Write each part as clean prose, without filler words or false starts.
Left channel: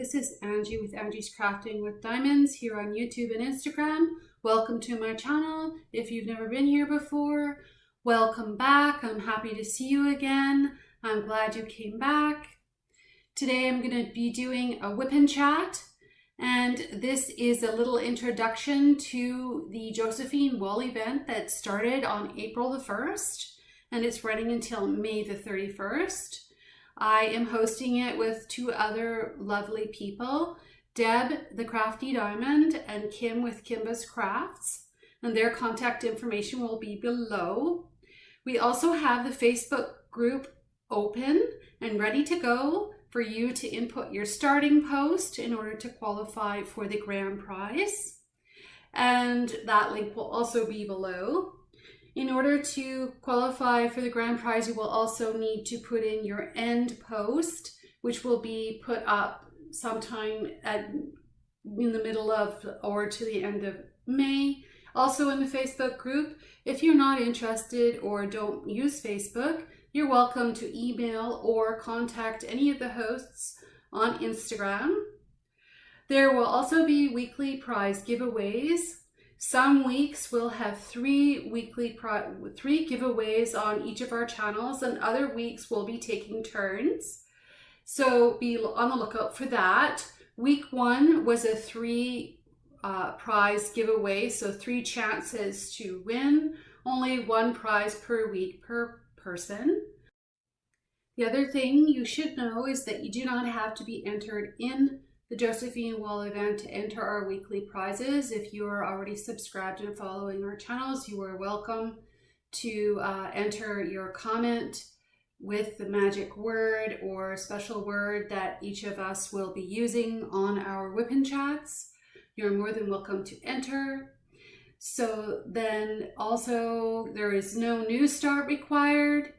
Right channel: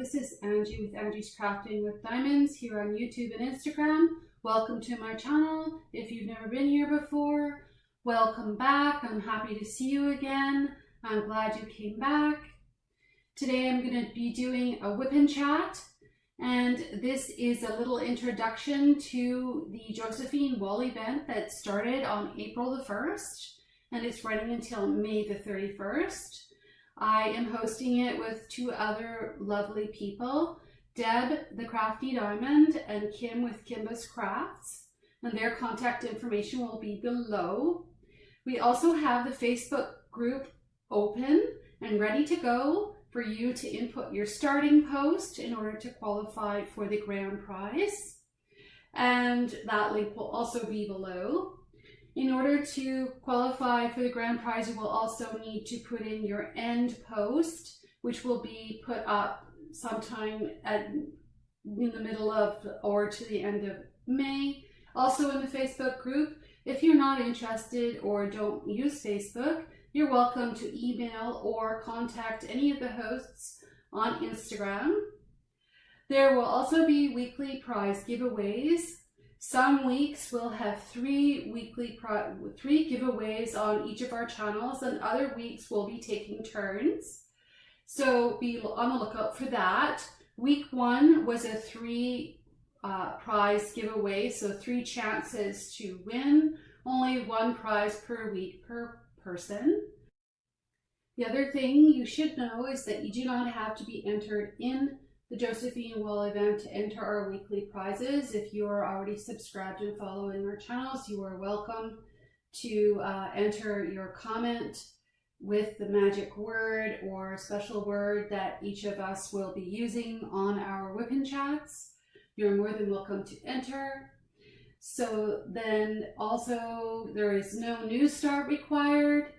this is Angie with Angie's Crafting with Diamonds here on YouTube and Instagram. Welcome to my channel. If you've never been here before, welcome back. I'm happy to see you again. I'm glad you came back. Today I'm going to be doing a WIP N Chat, and this is a little introduction to the Josephine Wall event that started on April the 1st and it's running until May the 31st. I am hosting it with two other lovely people, Deb, the Crafty Diamond, and Kim with Kimba's Crafts, and their contact information will be below. We also have the Facebook group open and ready to go for you to input your starting post in order to qualify for the grand prize, and that link will also be below. In order to qualify for the grand prize, you will also need to put in your end post, which will be put up sometime in the middle of or to the end of May. Also in the Facebook group, if you're not interested or don't use Facebook, you're welcome to email or contact any of the hosts on Instagram. There will also be weekly prize giveaways. Some weeks we'll have three giveaways on each of our channels, and other weeks we'll be taking turns. So be on the lookout for that. Week 1 was a 3 prize giveaway, so 3 chances to win. Only 1 prize per week per person. The other thing you should know is that you do not have to be entered in the Josephine Wall event to enter our weekly prizes. If you are already subscribed and following our channels, you are welcome to enter your comment with the magic word or special word that each of us will be using on our WIP N Chats. You're more than welcome to enter. So then also there is no new start required,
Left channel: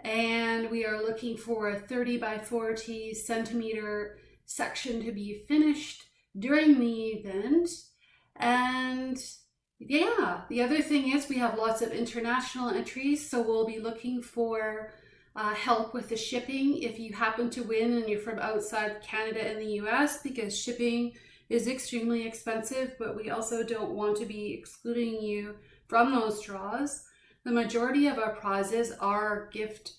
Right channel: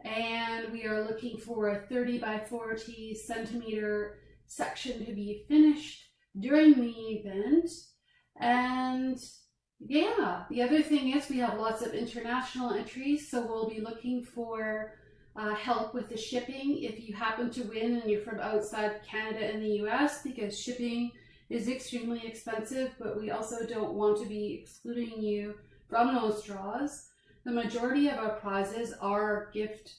and we are looking for a 30 by 40 centimeter section to be finished during the event. And yeah, the other thing is we have lots of international entries, so we'll be looking for help with the shipping if you happen to win and you're from outside Canada and the US, because shipping is extremely expensive, but we also don't want to be excluding you from those draws. The majority of our prizes are gift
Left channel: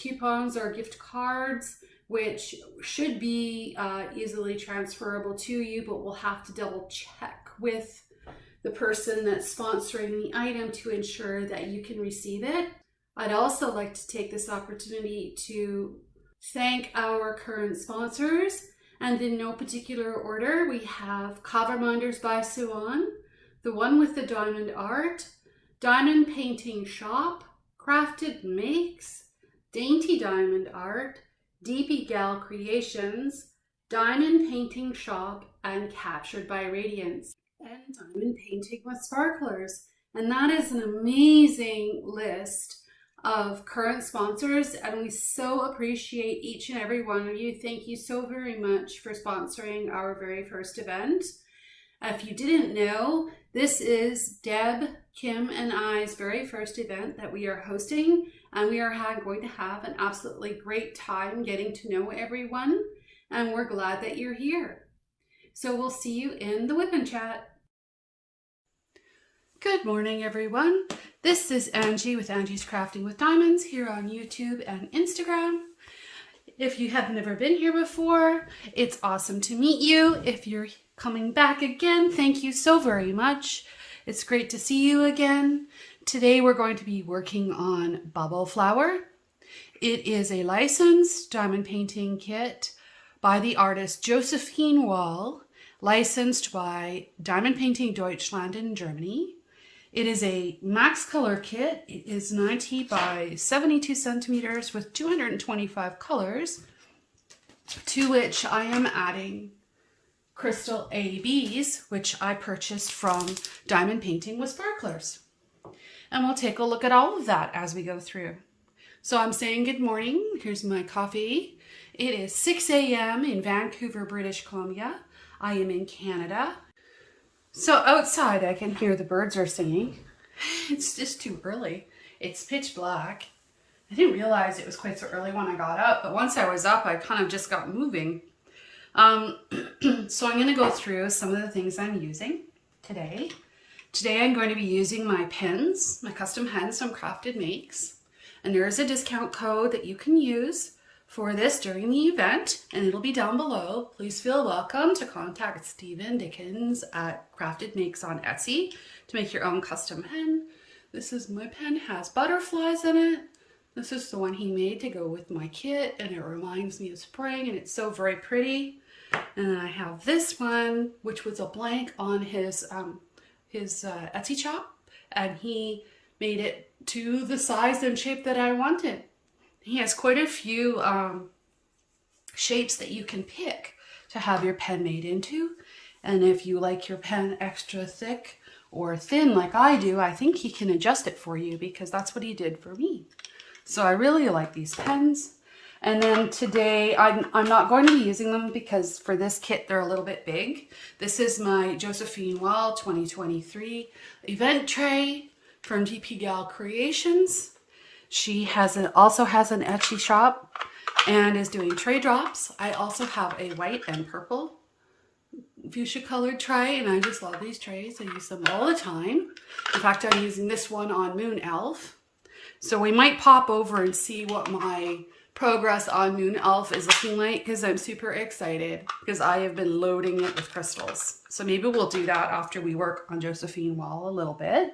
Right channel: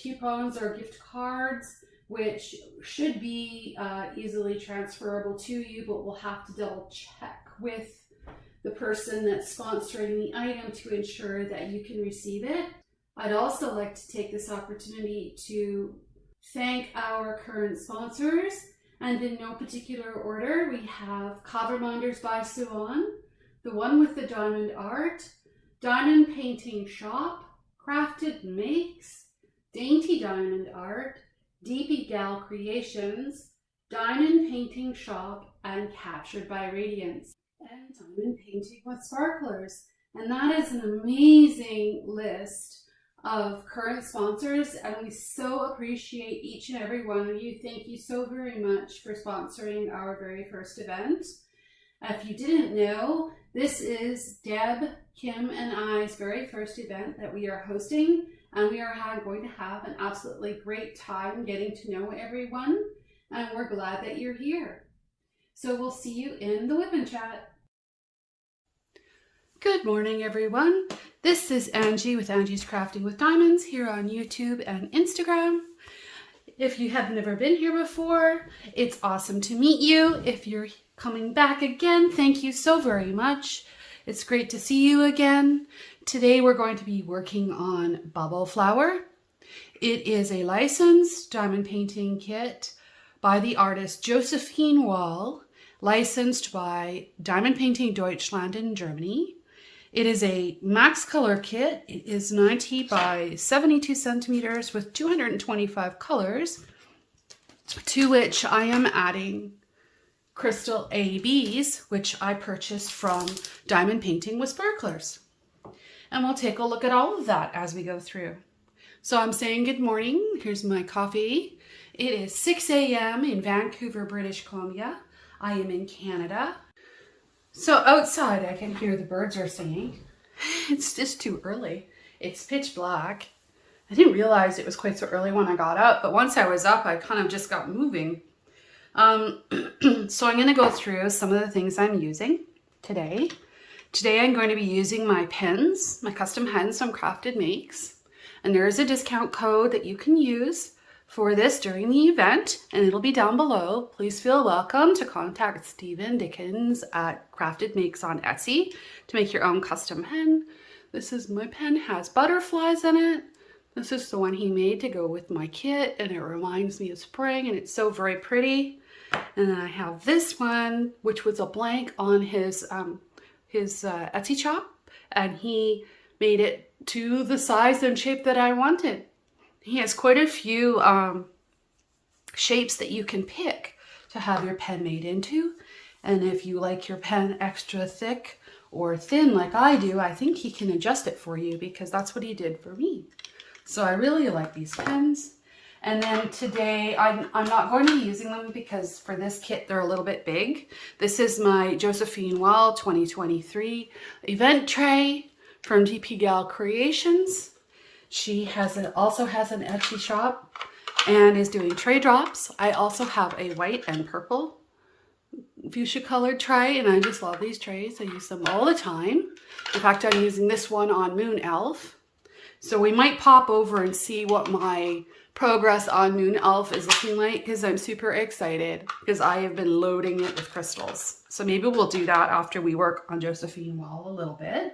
coupons or gift cards, which should be easily transferable to you, but we'll have to double check with the person that's sponsoring the item to ensure that you can receive it. I'd also like to take this opportunity to thank our current sponsors, and in no particular order, we have Coverminders by Siobhan, the one with the diamond art, Diamond Painting Shop, CraftedMakes, Dainty Diamond Art, DpGalCreations, Diamond Painting Shop, and Captured by Radiance, and Diamond Painting with Sparklers. And that is an amazing list of current sponsors, and we so appreciate each and every one of you. Thank you so very much for sponsoring our very first event. If you didn't know, this is Deb, Kim, and I's very first event that we are hosting, and we are going to have an absolutely great time getting to know everyone, and we're glad that you're here. So we'll see you in the WIP N Chat. Good morning, everyone. This is Angie with Angie's Crafting with Diamonds here on YouTube and Instagram. If you have never been here before, it's awesome to meet you. If you're coming back again, thank you so very much. It's great to see you again. Today we're going to be working on Bubble Flower. It is a licensed diamond painting kit by the artist Josephine Wall, licensed by Diamond Painting Deutschland in Germany. It is a max color kit. It is 90 by 72 centimeters with 225 colors, to which I am adding crystal ABs, which I purchased from Diamond Painting with Sparklers. And we'll take a look at all of that as we go through. So I'm saying good morning. Here's my coffee. It is 6 a.m. in Vancouver, British Columbia. I am in Canada. So outside I can hear the birds are singing. It's just too early. It's pitch black. I didn't realize it was quite so early when I got up, but once I was up, I kind of just got moving. So I'm going to go through some of the things I'm using today. Today I'm going to be using my pens, my custom pens from CraftedMakes. And there is a discount code that you can use for this during the event, and it'll be down below. Please feel welcome to contact Stephen Dickens at CraftedMakes on Etsy to make your own custom pen. This is my pen, has butterflies in it. This is the one he made to go with my kit, and it reminds me of spring, and it's so very pretty. And then I have this one, which was a blank on his Etsy shop, and he made it to the size and shape that I wanted. He has quite a few shapes that you can pick to have your pen made into. And if you like your pen extra thick or thin like I do, I think he can adjust it for you, because that's what he did for me. So I really like these pens. And then today, I'm not going to be using them because for this kit, they're a little bit big. This is my Josephine Wall 2023 event tray from DpGalCreations. She also has an Etsy shop and is doing tray drops. I also have a white and purple fuchsia colored tray, and I just love these trays. I use them all the time. In fact, I'm using this one on Moon Elf. So we might pop over and see what my progress on Moon Elf is looking like, because I'm super excited because I have been loading it with crystals. So maybe we'll do that after we work on Josephine Wall a little bit.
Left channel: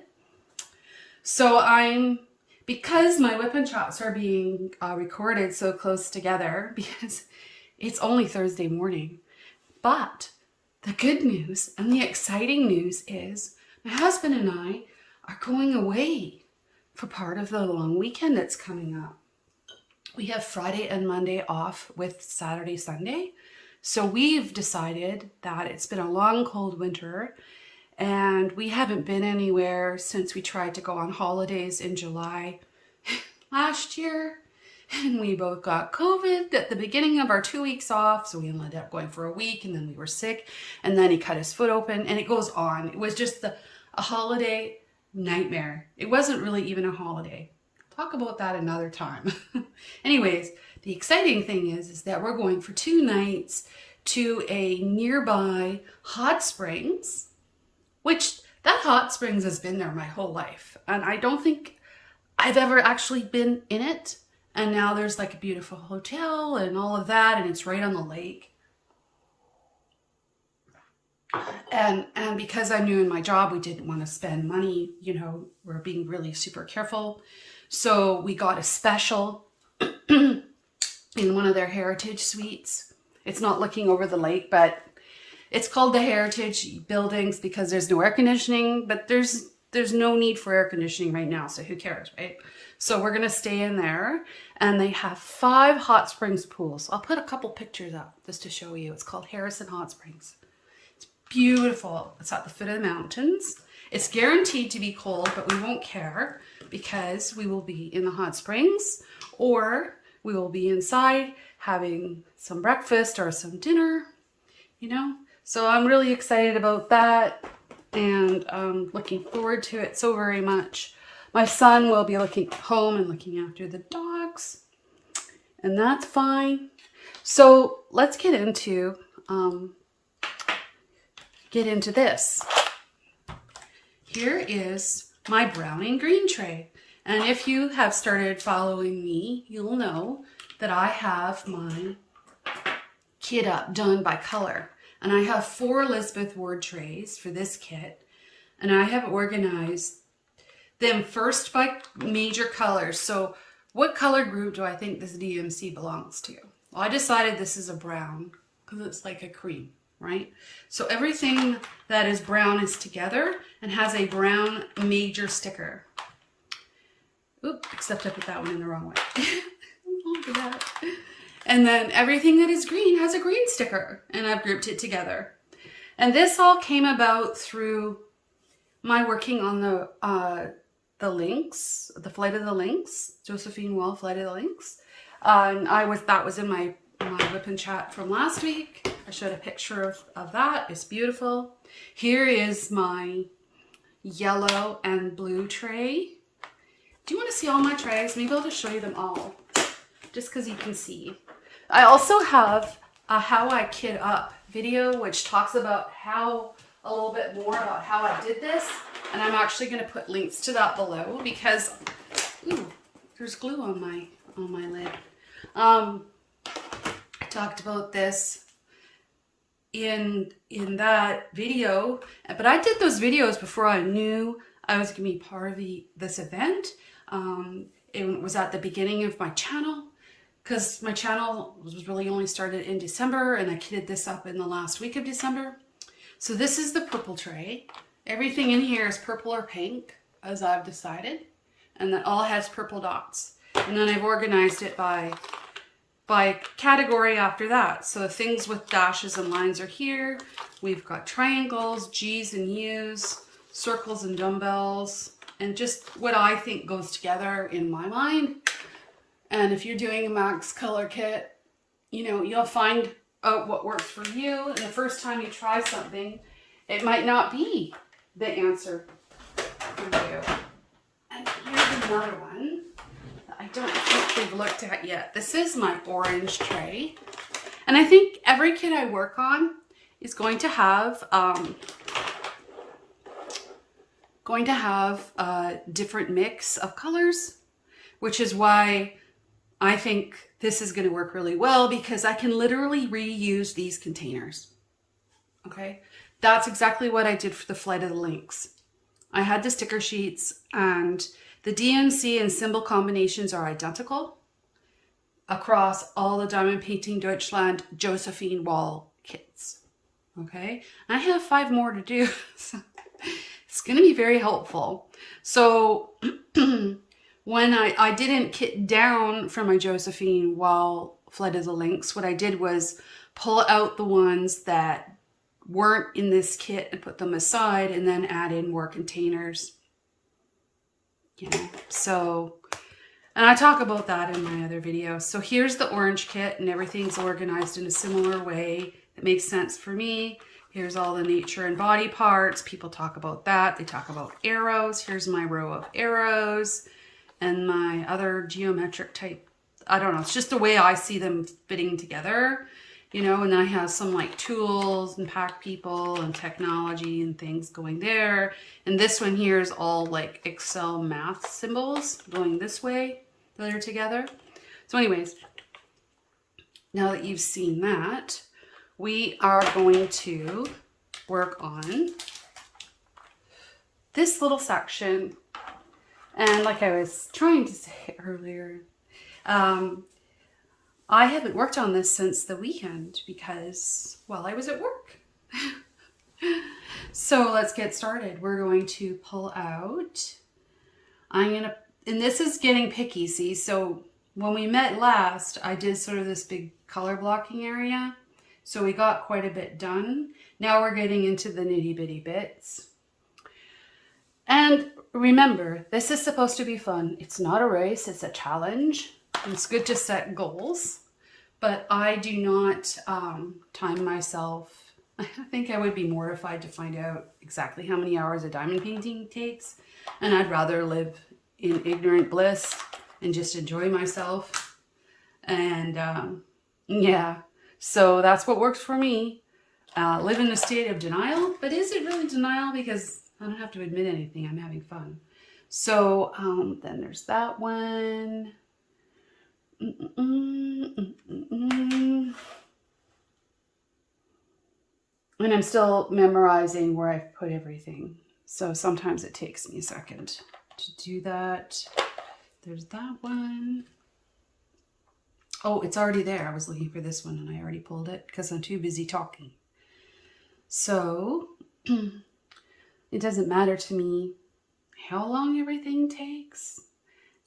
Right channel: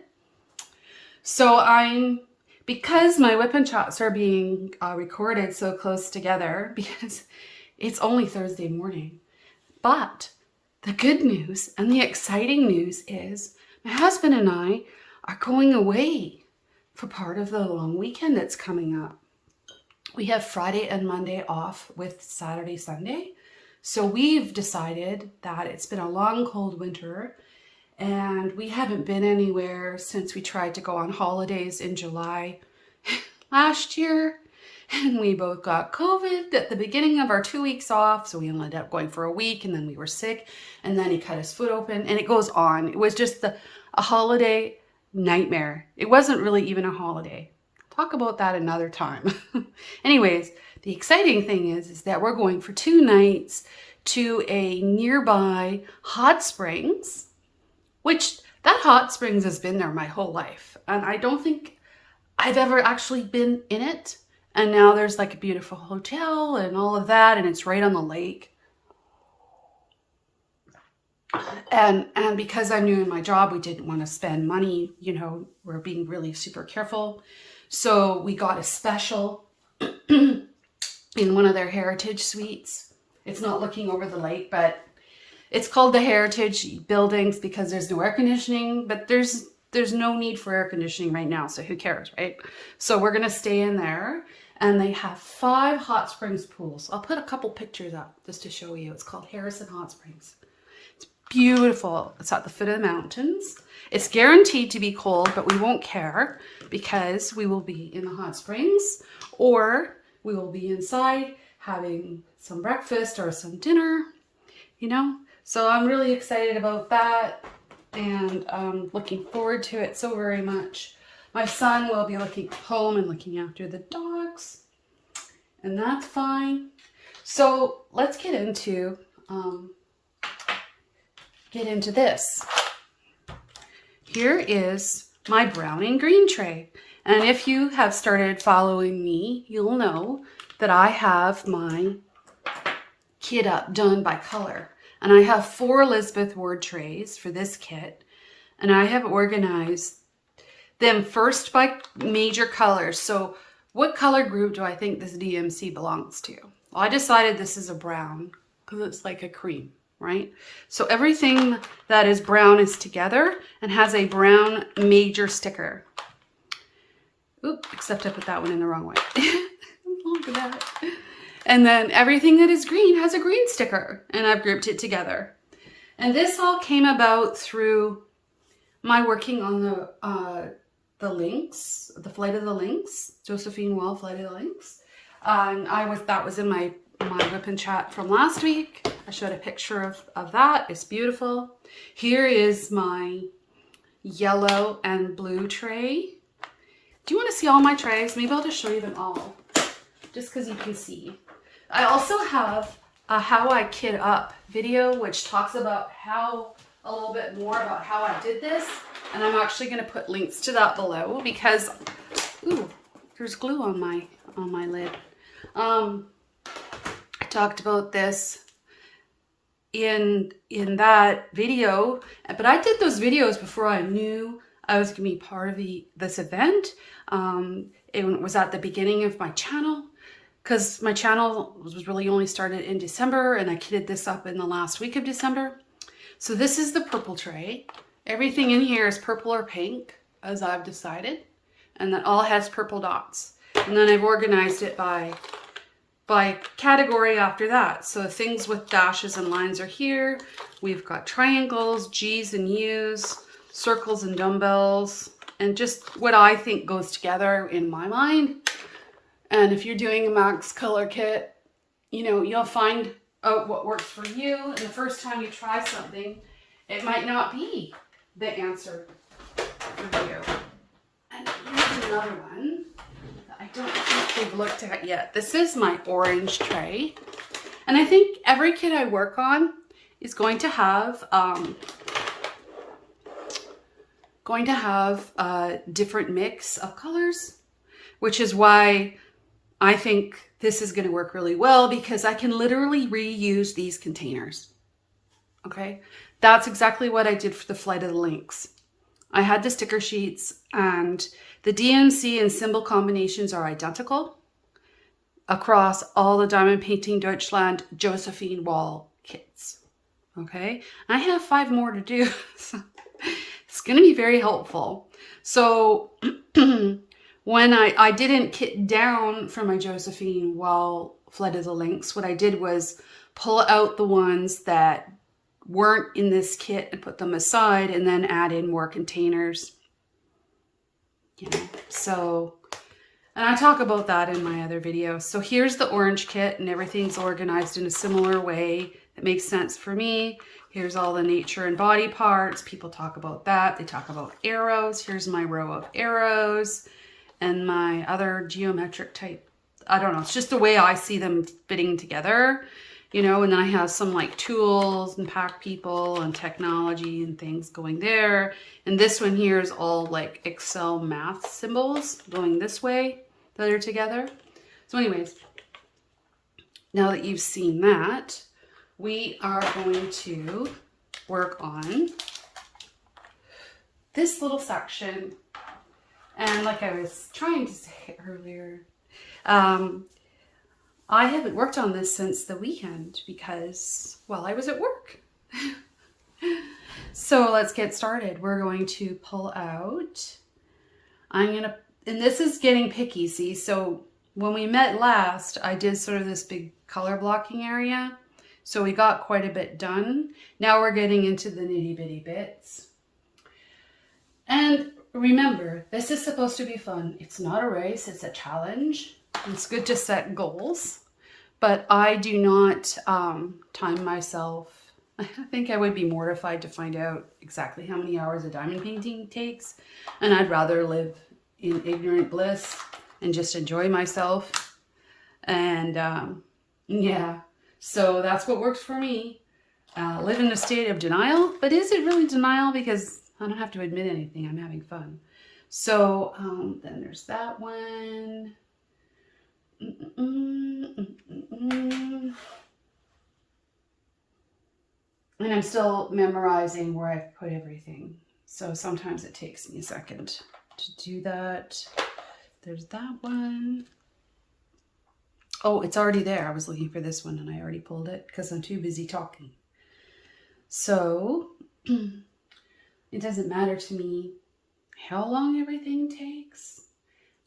So because my WIP N Chats are being recorded so close together, because it's only Thursday morning. But the good news and the exciting news is my husband and I are going away for part of the long weekend that's coming up. We have Friday and Monday off with Saturday, Sunday. So we've decided that it's been a long, cold winter, and we haven't been anywhere since we tried to go on holidays in July last year. And we both got COVID at the beginning of our 2 weeks off. So we ended up going for a week, and then we were sick, and then he cut his foot open, and it goes on. It was just a holiday nightmare. It wasn't really even a holiday. Talk about that another time. Anyways, the exciting thing is that we're going for 2 nights to a nearby hot springs, which that hot springs has been there my whole life. And I don't think I've ever actually been in it. And now there's like a beautiful hotel and all of that, and it's right on the lake. And because I'm new in my job, we didn't want to spend money. You know, we're being really super careful. So we got a special in one of their heritage suites. It's not looking over the lake, but it's called the Heritage Buildings because there's no air conditioning, but there's no need for air conditioning right now, so who cares, right? So we're gonna stay in there, and they have 5 hot springs pools. I'll put a couple pictures up just to show you. It's called Harrison Hot Springs. It's beautiful. It's at the foot of the mountains. It's guaranteed to be cold, but we won't care because we will be in the hot springs, or we will be inside having some breakfast or some dinner, you know? So I'm really excited about that, and looking forward to it so very much. My son will be looking home and looking after the dogs, and that's fine. So let's get into this. Here is my brown and green tray. And if you have started following me, you'll know that I have my kit up done by color. And I have 4 Elizabeth Ward trays for this kit. And I have organized them first by major colors. So what color group do I think this DMC belongs to? Well, I decided this is a brown because it's like a cream, right? So everything that is brown is together and has a brown major sticker. Oop, except I put that one in the wrong way. Look at that. And then everything that is green has a green sticker, and I've grouped it together. And this all came about through my working on the links, the Flight of the Links, Josephine Wall Flight of the Links. And that was in my WIP N Chat from last week. I showed a picture of that. It's beautiful. Here is my yellow and blue tray. Do you want to see all my trays? Maybe I'll just show you them all, just because you can see. I also have a how I kit up video, which talks about how a little bit more about how I did this. And I'm actually going to put links to that below because, ooh, there's glue on my lid. I talked about this in that video, but I did those videos before I knew I was going to be part of this event. It was at the beginning of my channel, because my channel was really only started in December, and I kitted this up in the last week of December. So this is the purple tray. Everything in here is purple or pink, as I've decided, and that all has purple dots. And then I've organized it by category after that. So things with dashes and lines are here. We've got triangles, G's and U's, circles and dumbbells, and just what I think goes together in my mind. And if you're doing a max color kit, you know, you'll find out what works for you. And the first time you try something, it might not be the answer for you. And here's another one that I don't think we've looked at yet. This is my orange tray. And I think every kit I work on is going to have a different mix of colors, which is why I think this is going to work really well, because I can literally reuse these containers. Okay, that's exactly what I did for the Flight of the Lynx. I had the sticker sheets, and the DMC and symbol combinations are identical across all the Diamond Painting Deutschland Josephine Wall kits. Okay, I have 5 more to do. It's going to be very helpful. So when I didn't kit down from my Josephine Wall Flight of the Lynx, what I did was pull out the ones that weren't in this kit and put them aside, and then add in more containers. You know, so, and I talk about that in my other videos. So here's the orange kit, and everything's organized in a similar way that makes sense for me. Here's all the nature and body parts. People talk about that. They talk about arrows. Here's my row of arrows and my other geometric type. I don't know. It's just the way I see them fitting together, you know, and then I have some like tools and pack people and technology and things going there. And this one here is all like Excel math symbols going this way that are together. So anyways, now that you've seen that, we are going to work on this little section. And like I was trying to say earlier, I haven't worked on this since the weekend because, well, I was at work. So let's get started. We're going to pull out, and this is getting picky, see? So when we met last, I did sort of this big color blocking area. So we got quite a bit done. Now we're getting into the nitty bitty bits. And remember, this is supposed to be fun. It's not a race, it's a challenge. It's good to set goals, but I do not time myself. I think I would be mortified to find out exactly how many hours a diamond painting takes. And I'd rather live in ignorant bliss and just enjoy myself. And yeah. So that's what works for me. Live in a state of denial, but is it really denial? Because I don't have to admit anything. I'm having fun. So then there's that one. And I'm still memorizing where I've put everything. So sometimes it takes me a second to do that. There's that one. Oh, it's already there. I was looking for this one and I already pulled it because I'm too busy talking. So it doesn't matter to me how long everything takes.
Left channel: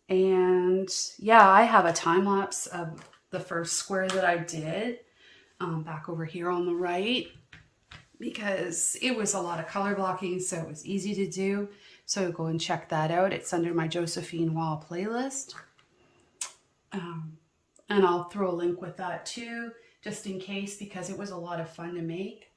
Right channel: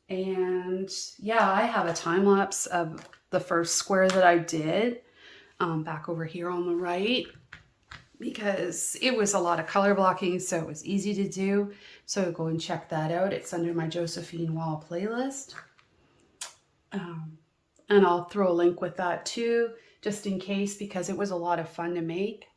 And yeah, I have a time lapse of the first square that I did back over here on the right, because it was a lot of color blocking, so it was easy to do. So go and check that out. It's under my Josephine Wall playlist. And I'll throw a link with that too, just in case, because it was a lot of fun to make.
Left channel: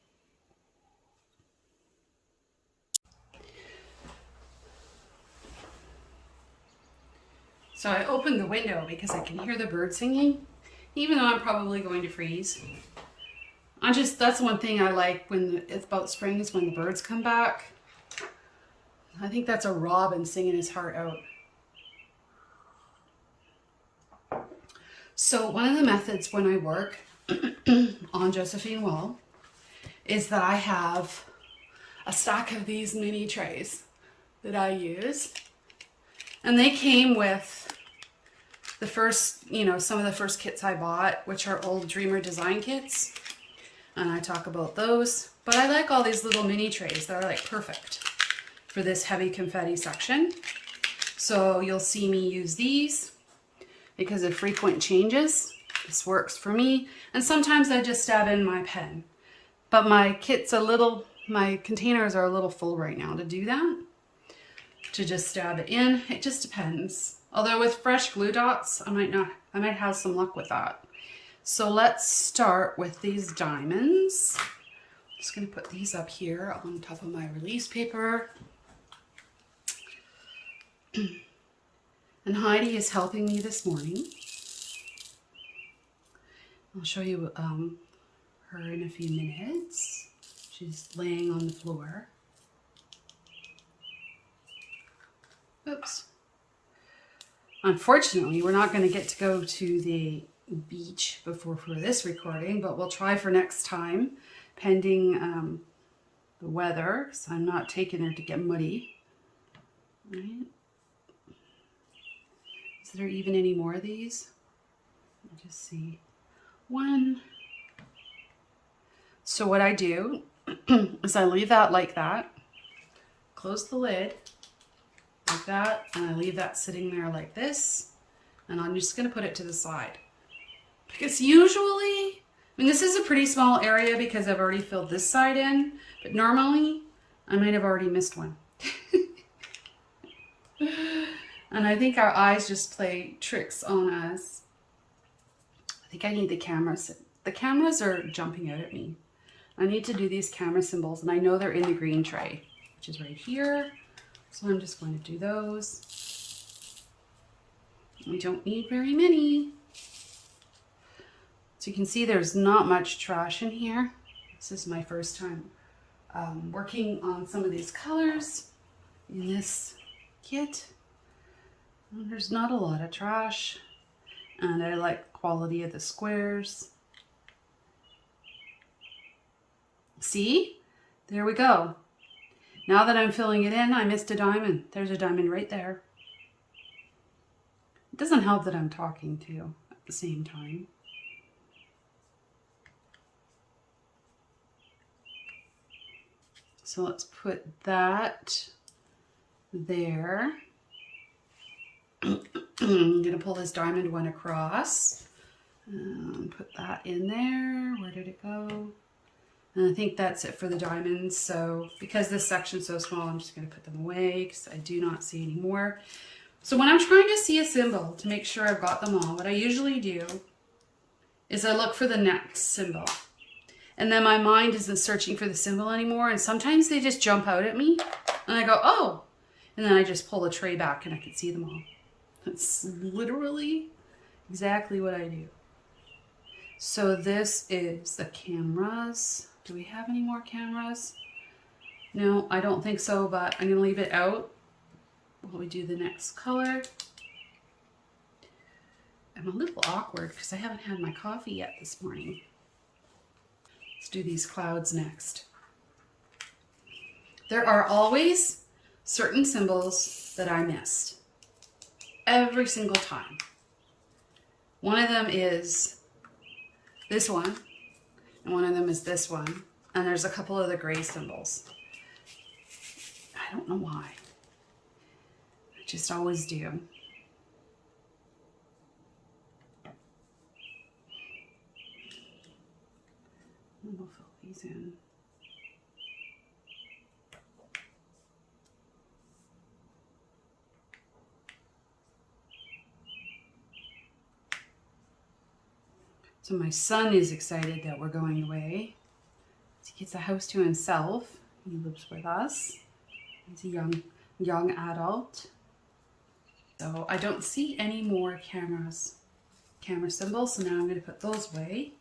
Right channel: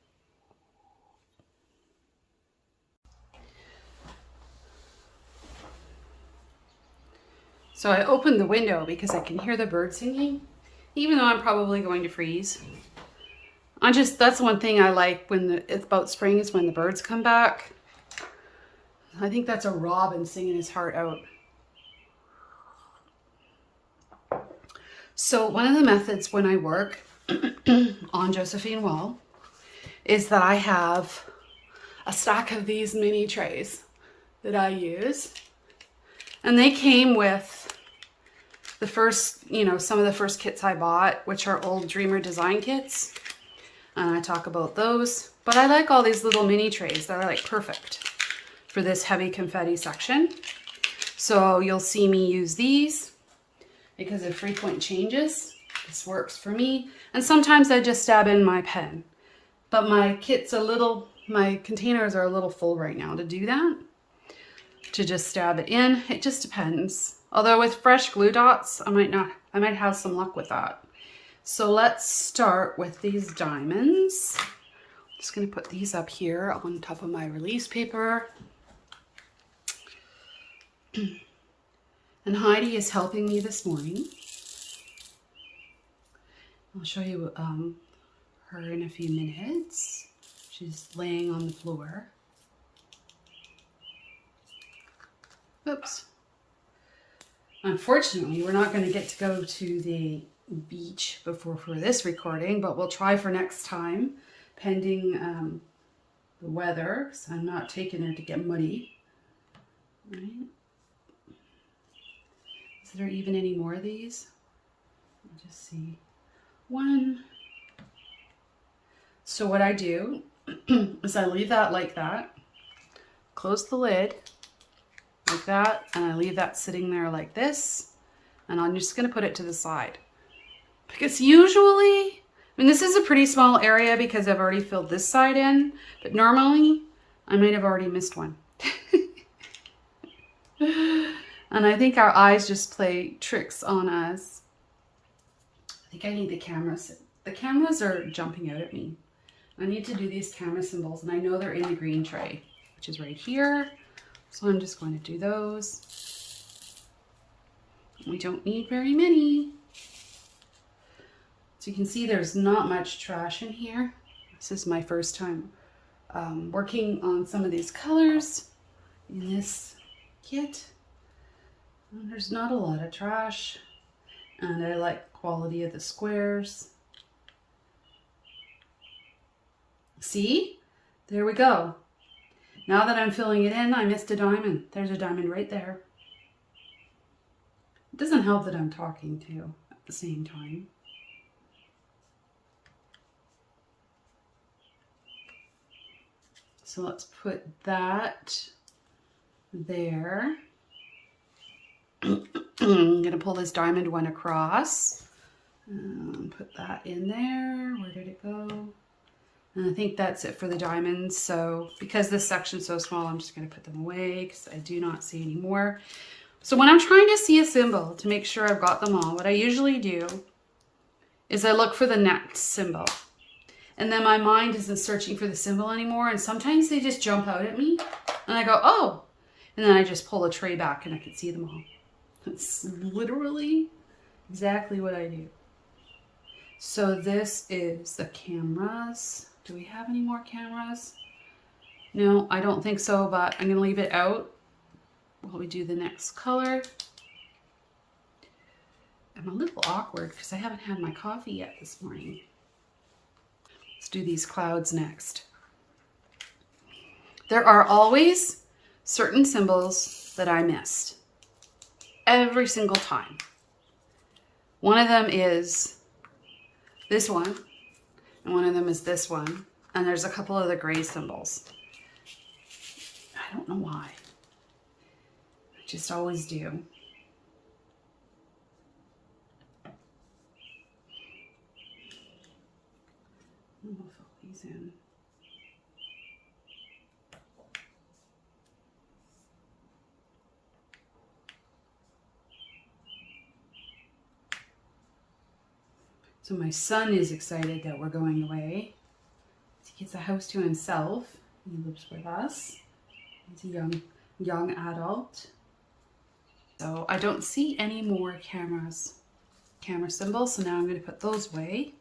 So I opened the window because I can hear the bird singing, even though I'm probably going to freeze. That's one thing I like when it's about spring is when the birds come back. I think that's a robin singing his heart out. So one of the methods when I work on Josephine Wall is that I have a stack of these mini trays that I use. And they came with the first, some of the first kits I bought, which are old Dreamer design kits. And I talk about those. But I like all these little mini trays. They're like perfect for this heavy confetti section. So you'll see me use these because of frequent changes. This works for me. And sometimes I just stab in my pen. But my containers are a little full right now to do that. To just stab it in. It just depends. Although with fresh glue dots, I might have some luck with that. So let's start with these diamonds. I'm just going to put these up here on top of my release paper. And Heidi is helping me this morning. I'll show you her in a few minutes. She's laying on the floor. Oops. Unfortunately, we're not going to get to go to the beach for this recording, but we'll try for next time, pending the weather. So I'm not taking her to get muddy. Right. Is there even any more of these? I'll just see. One. So what I do is I leave that like that, close the lid like that, and I leave that sitting there like this, and I'm just going to put it to the side. Because usually, this is a pretty small area because I've already filled this side in, but normally I might have already missed one. And I think our eyes just play tricks on us. I think I need the cameras. The cameras are jumping out at me. I need to do these camera symbols, and I know they're in the green tray, which is right here. So I'm just going to do those. We don't need very many. So you can see there's not much trash in here. This is my first time working on some of these colors in this kit. And there's not a lot of trash, and I like the quality of the squares. See? There we go. Now that I'm filling it in, I missed a diamond. There's a diamond right there. It doesn't help that I'm talking to you at the same time. So let's put that there. I'm going to pull this diamond one across. Put that in there. Where did it go? And I think that's it for the diamonds. So because this section's so small, I'm just going to put them away because I do not see any more. So when I'm trying to see a symbol to make sure I've got them all, what I usually do is I look for the next symbol. And then my mind isn't searching for the symbol anymore. And sometimes they just jump out at me. And I go, oh. And then I just pull the tray back and I can see them all. That's literally exactly what I do. So this is the cameras. Do we have any more cameras? No, I don't think so, but I'm going to leave it out while we do the next color. I'm a little awkward because I haven't had my coffee yet this morning. Let's do these clouds next. There are always certain symbols that I missed. Every single time. One of them is this one, and one of them is this one, and there's a couple of the gray symbols. I don't know why. I just always do. And we'll fill these in. So my son is excited that we're going away. He gets a house to himself. He lives with us. He's a young adult. So I don't see any more camera symbols. So now I'm going to put those away.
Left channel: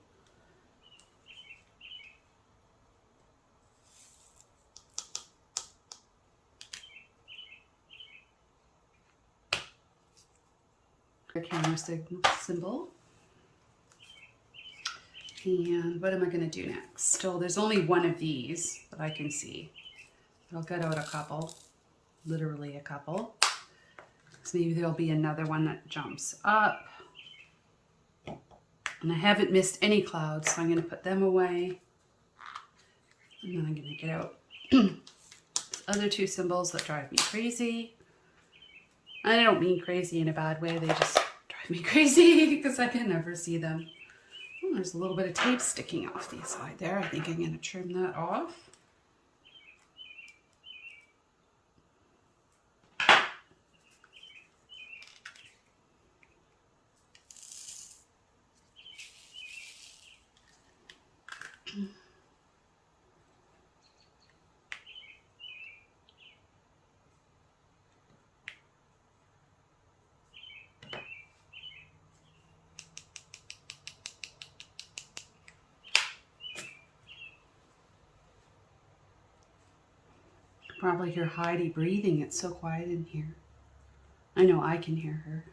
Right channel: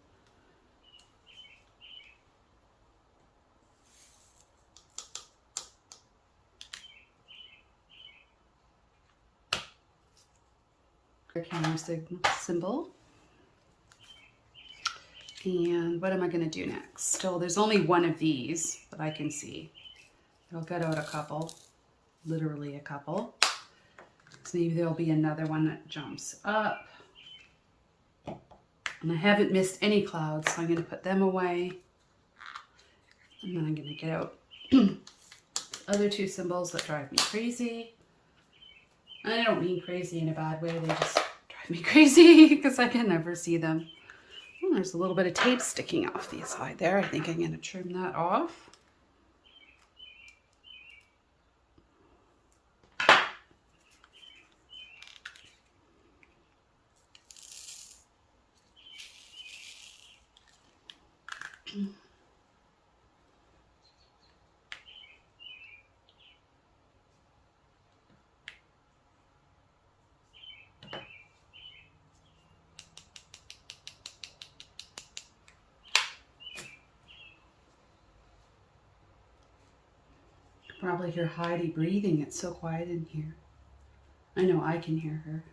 The camera symbol. And what am I going to do next? Still, there's only one of these that I can see. I'll get out a couple, literally a couple. So maybe there'll be another one that jumps up. And I haven't missed any clouds, so I'm going to put them away. And then I'm going to get out the other two symbols that drive me crazy. I don't mean crazy in a bad way, they just drive me crazy because I can never see them. Oh, there's a little bit of tape sticking off the side there. I think I'm going to trim that off. Probably hear Heidi breathing. It's so quiet in here. I know I can hear her.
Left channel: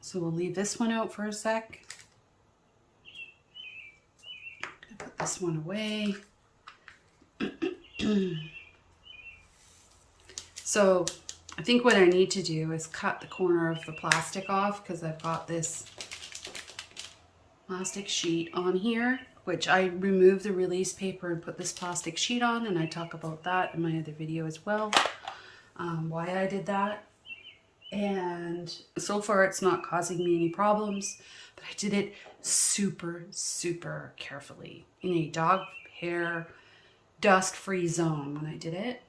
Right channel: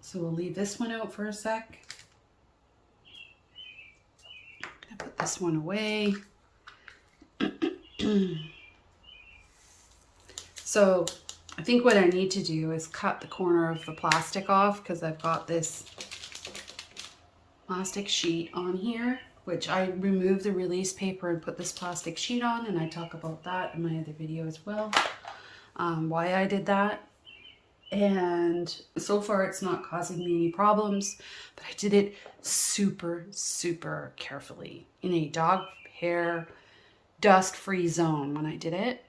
So we'll leave this one out for a sec. I'm gonna put this one away. So I think what I need to do is cut the corner of the plastic off because I've got this plastic sheet on here, which I removed the release paper and put this plastic sheet on, and I talk about that in my other video as well, why I did that. And so far it's not causing me any problems, but I did it super, super carefully in a dog hair dust-free zone when I did it.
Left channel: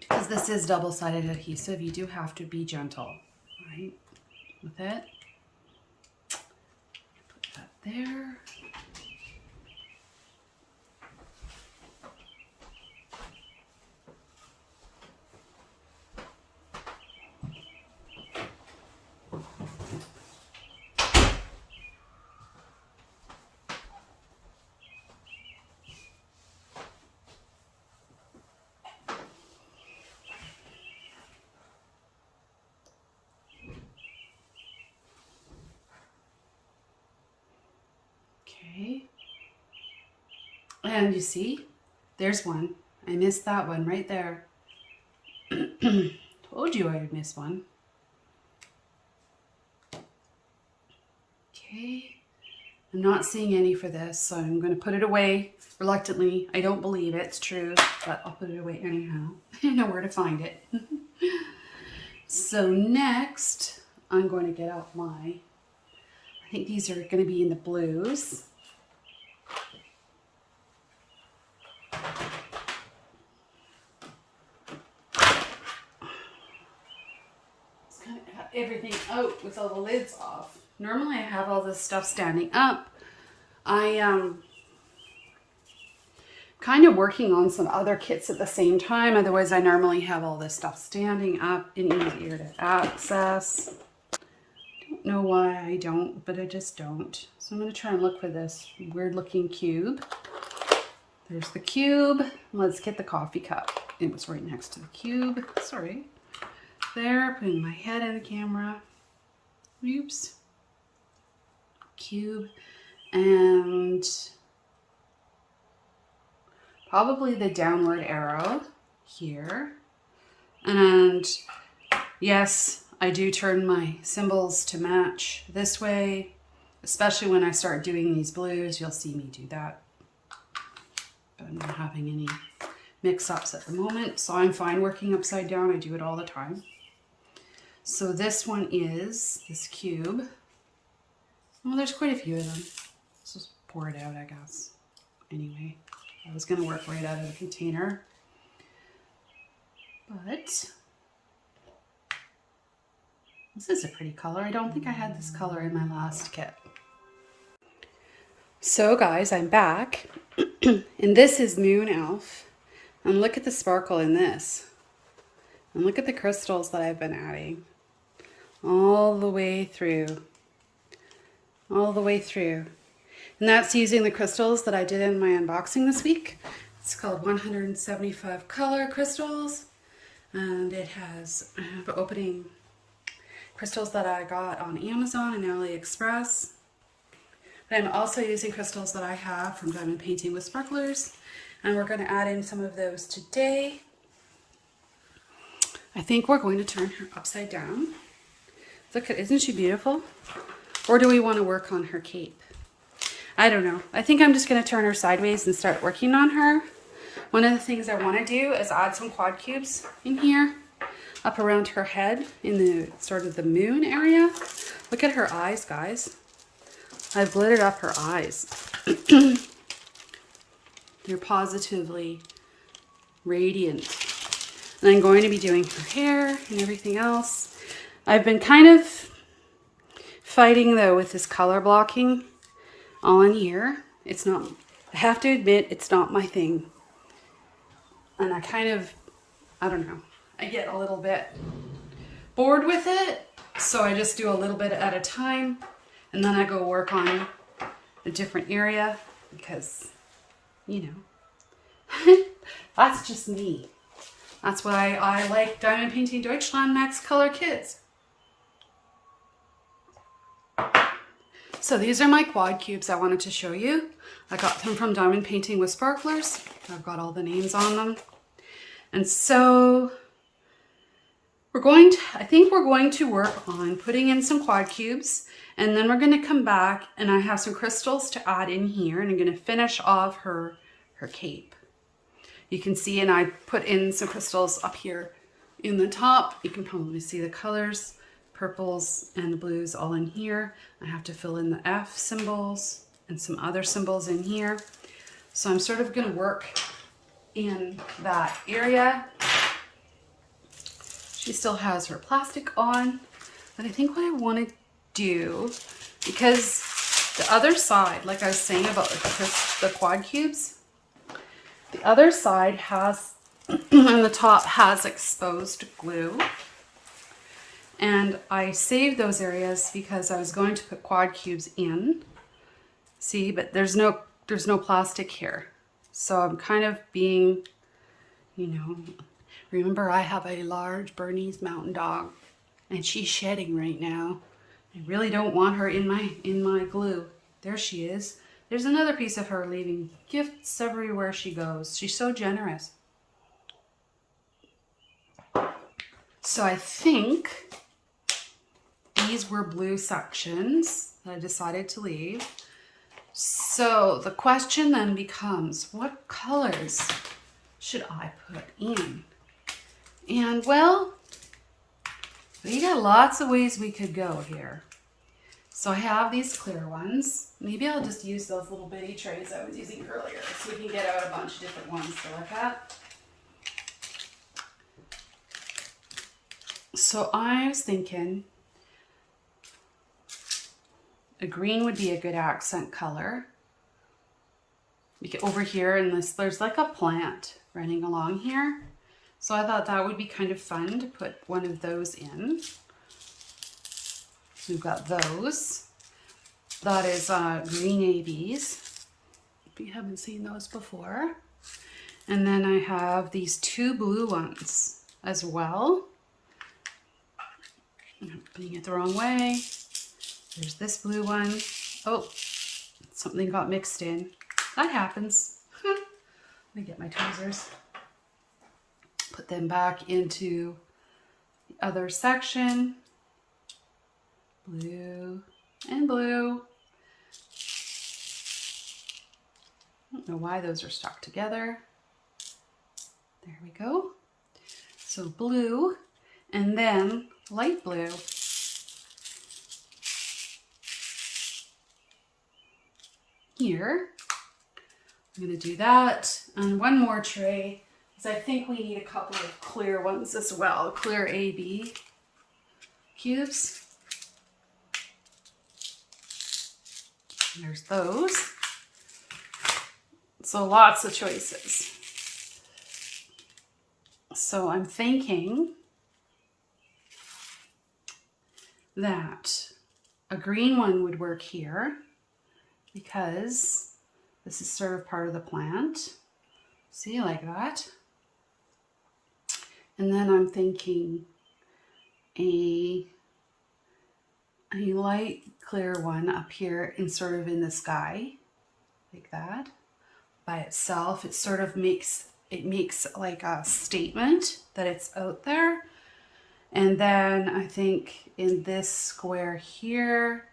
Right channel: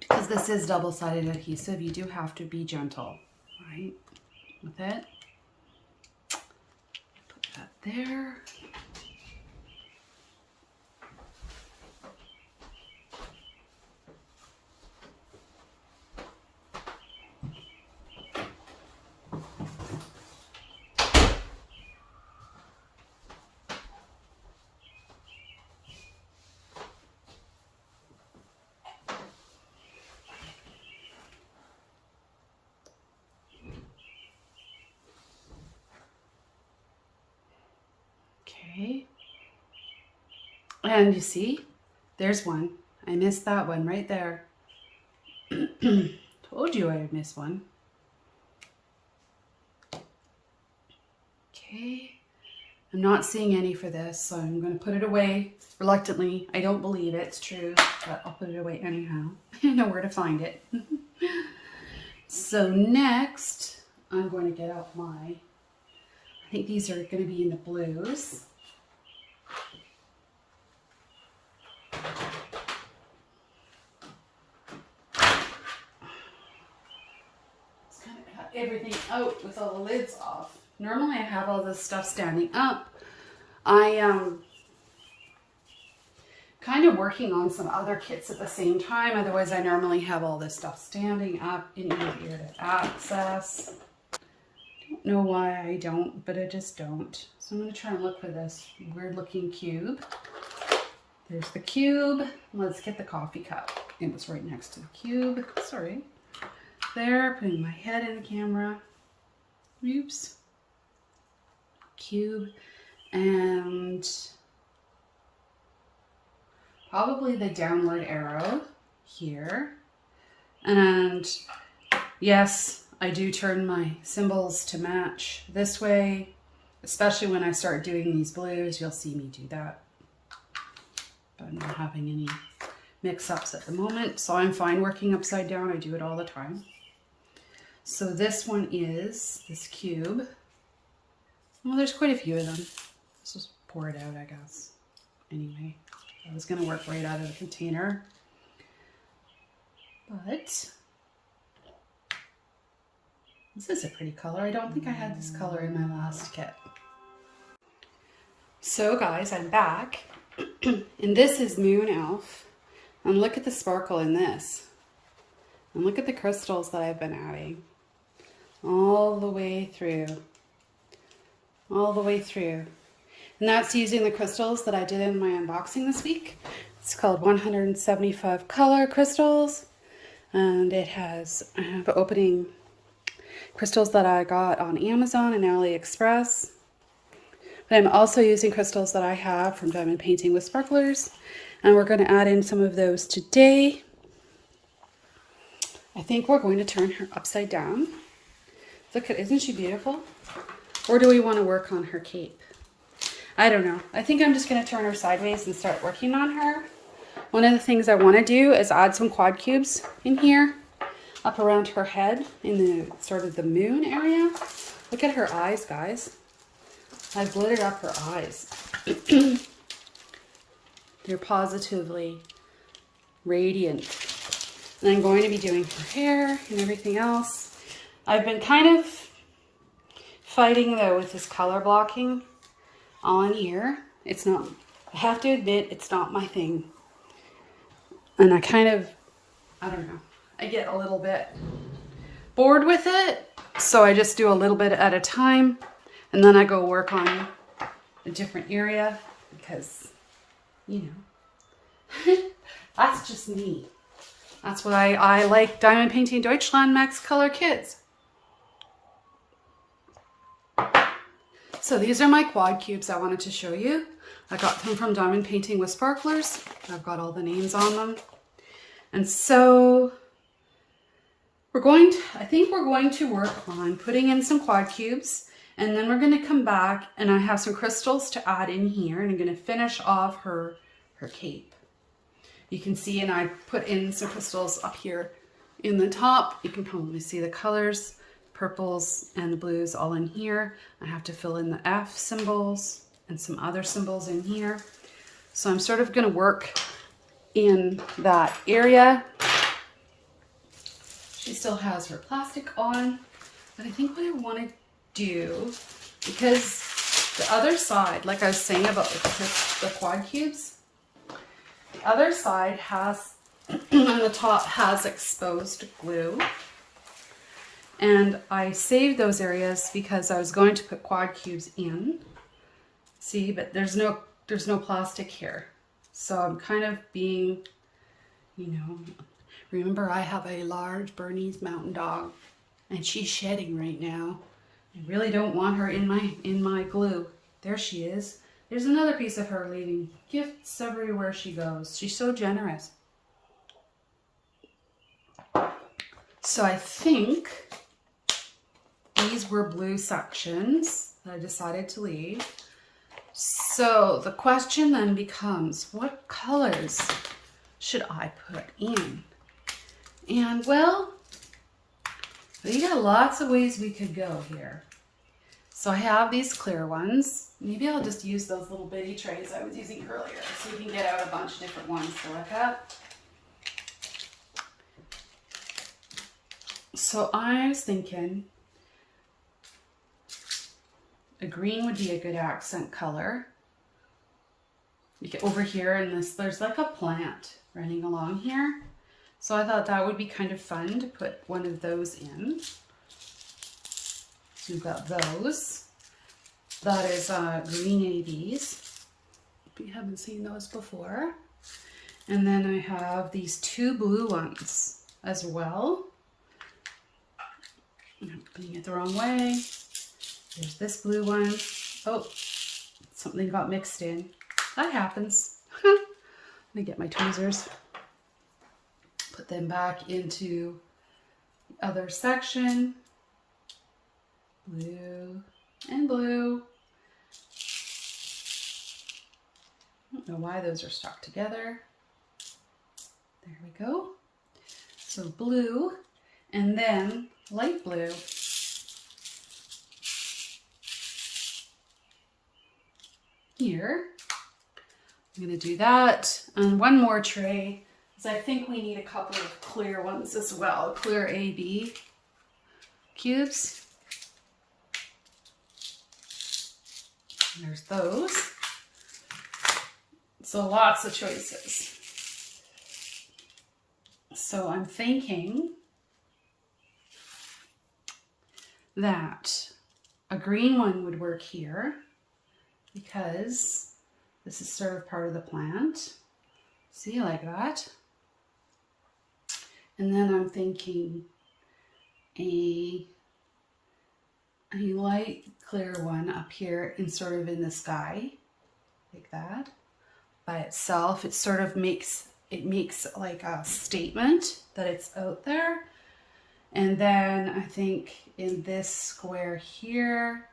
Because this is double-sided adhesive, you do have to be gentle, right, with it. Put that there. Okay, and you see, there's one. I missed that one right there. Told you I would miss one. Okay, I'm not seeing any for this, so I'm going to put it away reluctantly. I don't believe it's true, but I'll put it away anyhow. I know where to find it. So next, I'm going to get out my, I think these are going to be in the blues. Everything out with all the lids off. Normally I have all this stuff standing up. I kind of working on some other kits at the same time. Otherwise I normally have all this stuff standing up and easier to access. Don't know why I don't, but I just don't. So I'm going to try and look for this weird looking cube. There's the cube. Let's get the coffee cup. It was right next to the cube. Sorry. There, putting my head in the camera. Oops. Cube. And probably the downward arrow here. And yes, I do turn my symbols to match this way, especially when I start doing these blues. You'll see me do that. But I'm not having any mix-ups at the moment, so I'm fine working upside down. I do it all the time. So this one is this cube. Well, there's quite a few of them. Let's just pour it out, I guess. Anyway, I was going to work right out of the container. But this is a pretty color. I don't think I had this color in my last kit. So guys, I'm back. And this is Moon Elf. And look at the sparkle in this. And look at the crystals that I've been adding. All the way through. All the way through. And that's using the crystals that I did in my unboxing this week. It's called 175 color crystals. And I have opening crystals that I got on Amazon and AliExpress. I'm also using crystals that I have from Diamond Painting with Sparklers, and we're going to add in some of those today. I think we're going to turn her upside down. Look at, isn't she beautiful? Or do we want to work on her cape? I don't know. I think I'm just going to turn her sideways and start working on her. One of the things I want to do is add some quad cubes in here, up around her head in the sort of the moon area. Look at her eyes, guys. I've glittered up her eyes. They're positively radiant. And I'm going to be doing her hair and everything else. I've been kind of fighting though with this color blocking on here. It's not, I have to admit, it's not my thing. And I don't know, I get a little bit bored with it. So I just do a little bit at a time. And then I go work on a different area because, you know, that's just me. That's why I like Diamond Painting Deutschland Max Color Kits. So these are my quad cubes I wanted to show you. I got them from Diamond Painting with Sparklers. I've got all the names on them. And so I think we're going to work on putting in some quad cubes, and then we're going to come back and I have some crystals to add in here, and I'm going to finish off her cape. You can see, and I put in some crystals up here in the top. You can probably see the colors, purples and the blues all in here. I have to fill in the F symbols and some other symbols in here. So I'm sort of going to work in that area. She still has her plastic on, but I think what I want to do, because the other side, like I was saying about the quad cubes, the other side has, and the top has exposed glue. And I saved those areas because I was going to put quad cubes in. See, but there's no plastic here. So I'm kind of being, you know, remember I have a large Bernese mountain dog and she's shedding right now. I really don't want her in my glue. There she is. There's another piece of her leaving gifts everywhere she goes. She's so generous. So I think these were blue sections that I decided to leave. So the question then becomes, what colors should I put in? And well, we got lots of ways we could go here. So I have these clear ones. Maybe I'll just use those little bitty trays I was using earlier so we can get out a bunch of different ones. So like that. So I was thinking a green would be a good accent color. We get over here in this, there's like a plant running along here. So I thought that would be kind of fun to put one of those in. So we've got those. That is green ABs. If you haven't seen those before. And then I have these two blue ones as well. I'm putting it the wrong way. There's this blue one. Oh, something got mixed in. That happens. Let me get my tweezers. Put them back into the other section. Blue and blue. I don't know why those are stuck together. There we go. So blue and then light blue. Here. I'm going to do that. And one more tray, because I think we need a couple of clear ones as well. Clear AB cubes. There's those. So lots of choices. So I'm thinking that a green one would work here because this is sort of part of the plant. See, like that. And then I'm thinking a light clear one up here and sort of in the sky, like that. By itself, it sort of makes like a statement that it's out there. And then I think in this square here,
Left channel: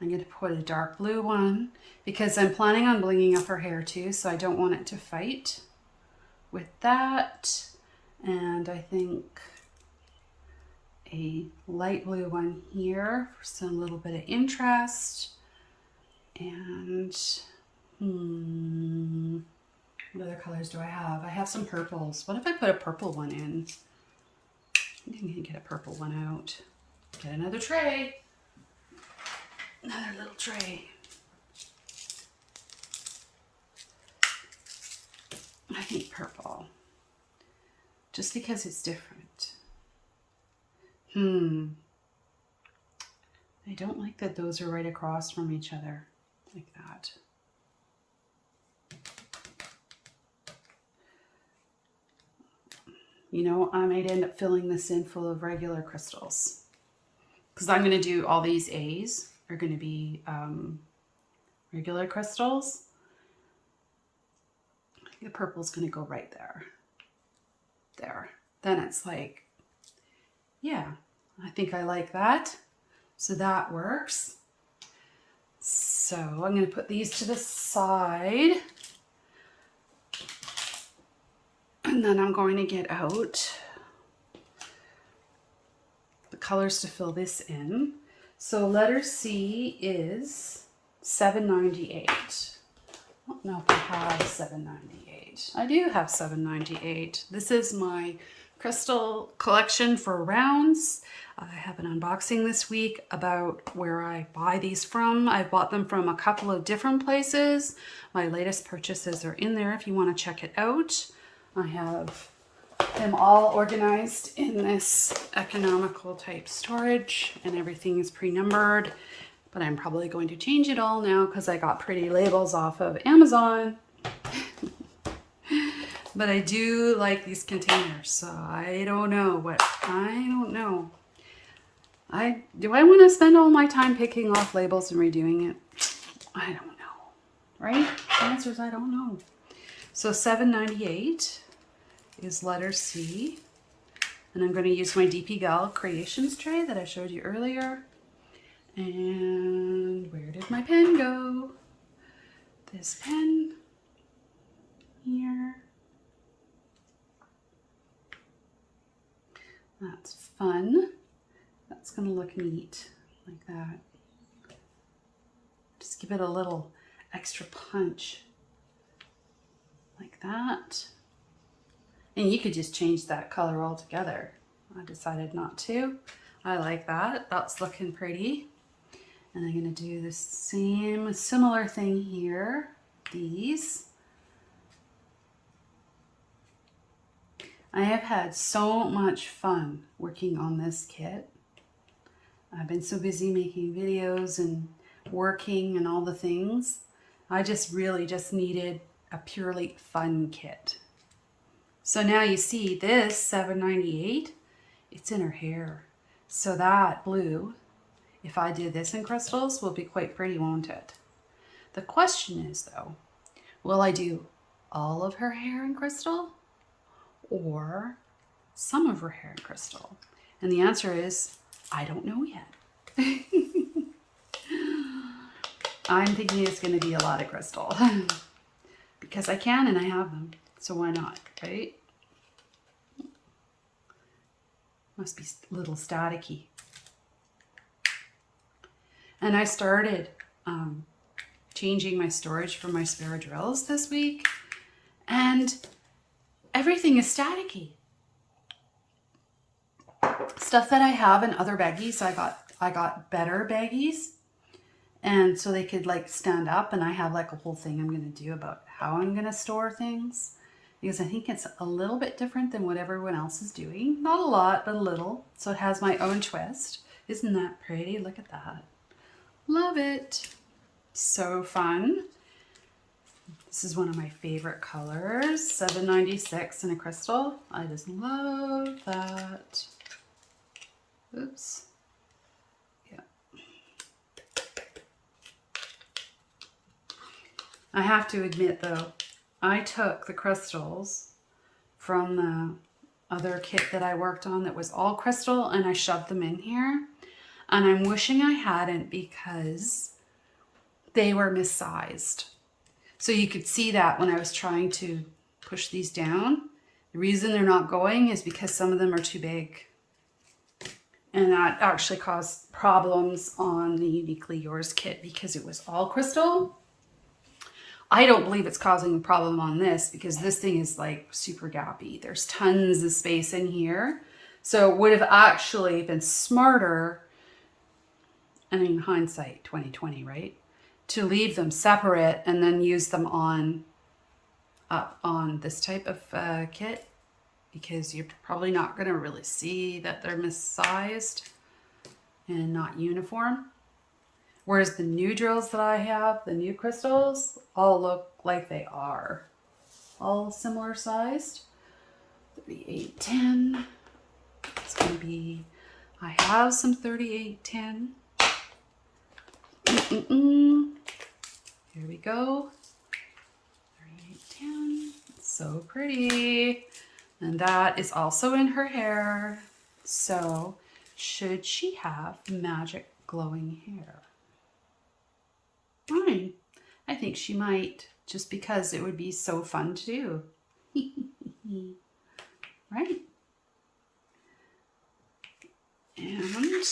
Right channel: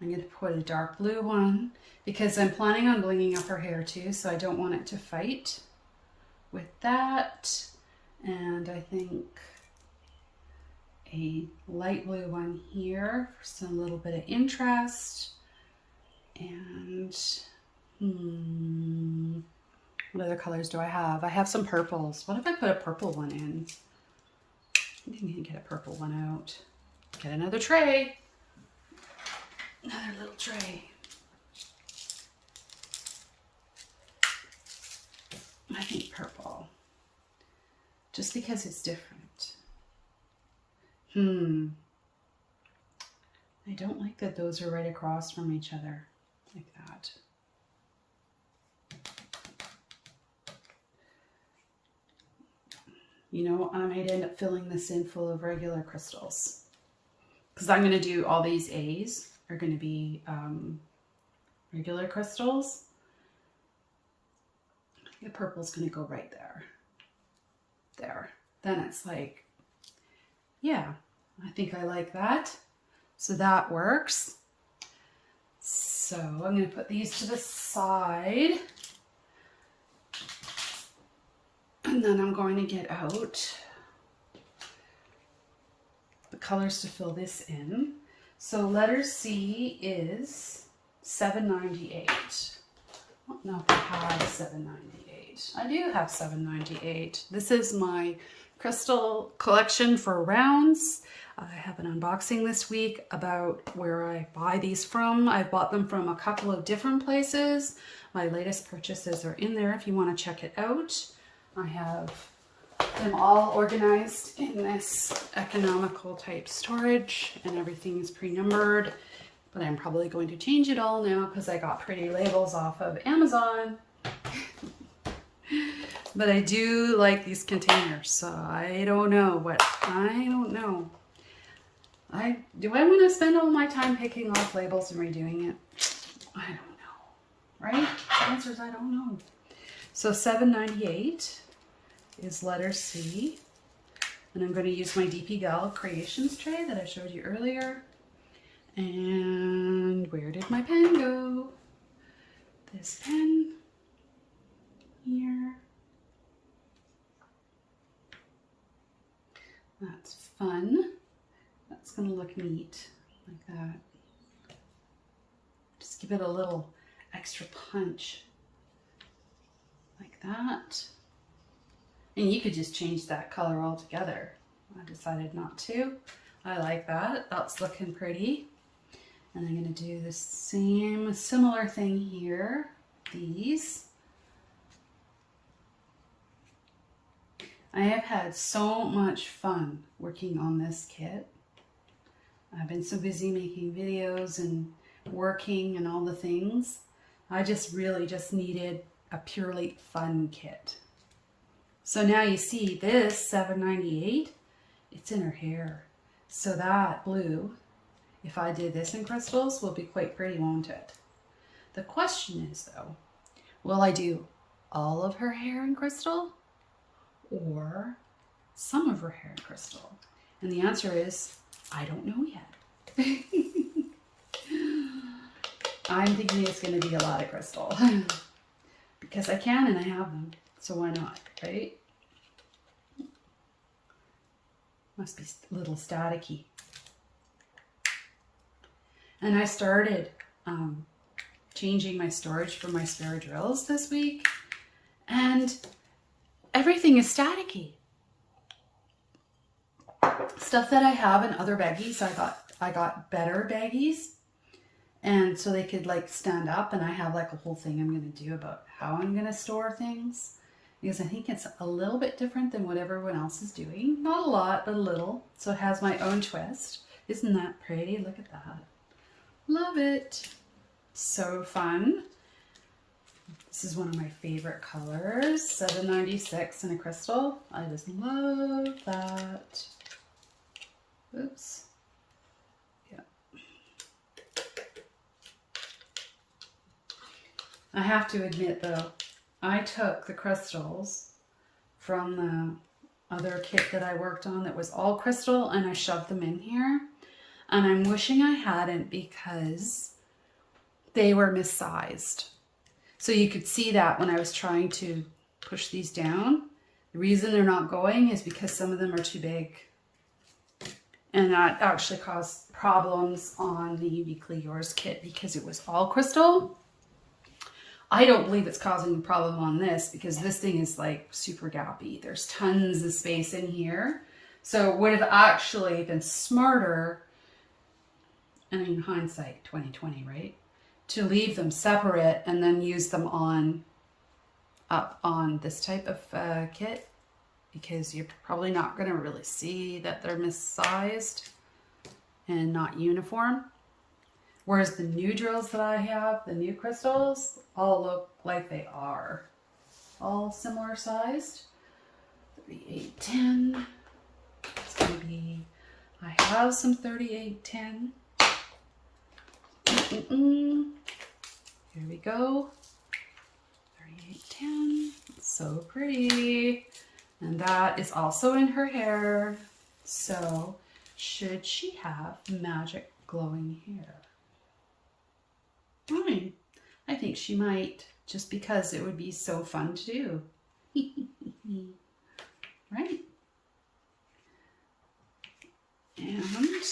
I'm going to put a dark blue one because I'm planning on blinging up her hair too, so I don't want it to fight with that. And I think a light blue one here for some little bit of interest. And what other colors do I have? I have some purples. What if I put a purple one in? I think I'm gonna get a purple one out. Get another tray. Another little tray. I think purple. Just because it's different. I don't like that those are right across from each other like that. You know, I might end up filling this in full of regular crystals because I'm going to do all these A's are going to be regular crystals. The purple's going to go right there. There. Then it's like, yeah, I think I like that. So that works. So I'm going to put these to the side. And then I'm going to get out the colors to fill this in. So letter C is $7.98. I don't know if I have $7.98. I do have $7.98. This is my crystal collection for rounds. I have an unboxing this week about where I buy these from. I bought them from a couple of different places. My latest purchases are in there if you want to check it out. I have them all organized in this economical type storage and everything is pre-numbered, but I'm probably going to change it all now because I got pretty labels off of Amazon. But I do like these containers, so I don't know. Do I want to spend all my time picking off labels and redoing it? I don't know, right? The answer is I don't know. So $7.98 is letter C. And I'm going to use my DpGalCreations tray that I showed you earlier. And where did my pen go? This pen here. That's fun. That's going to look neat like that. Just give it a little extra punch like that. And you could just change that color altogether. I decided not to. I like that. That's looking pretty. And I'm going to do the similar thing here. These. I have had so much fun working on this kit. I've been so busy making videos and working and all the things. I just really just needed a purely fun kit. So now you see this $7.98, it's in her hair. So that blue, if I did this in crystals, will be quite pretty, won't it? The question is though, will I do all of her hair in crystal or some of her hair in crystal? And the answer is, I don't know yet. I'm thinking it's going to be a lot of crystal because I can and I have them. So why not, right? Must be a little staticky. And I started changing my storage for my spare drills this week. And everything is staticky. Stuff that I have in other baggies, I got better baggies. And so they could like stand up, and I have like a whole thing I'm going to do about how I'm going to store things. Because I think it's a little bit different than what everyone else is doing. Not a lot, but a little. So it has my own twist. Isn't that pretty? Look at that. Love it. So fun. This is one of my favorite colors, 796 in a crystal. I just love that. Oops. Yeah. I have to admit though, I took the crystals from the other kit that I worked on that was all crystal and I shoved them in here. And I'm wishing I hadn't because they were missized. So you could see that when I was trying to push these down. The reason they're not going is because some of them are too big. And that actually caused problems on the Uniquely Yours kit because it was all crystal. I don't believe it's causing a problem on this because this thing is like super gappy. There's tons of space in here. So it would have actually been smarter, and in hindsight, 2020, right? To leave them separate and then use them up on this type of kit, because you're probably not going to really see that they're missized and not uniform. Whereas the new drills that I have, the new crystals, all look like they are. All similar sized. 3810. It's going to be, I have some 3810. Here we go. 3810. So pretty. And that is also in her hair. So should she have magic glowing hair? I think she might, just because it would be so fun to do. Right? And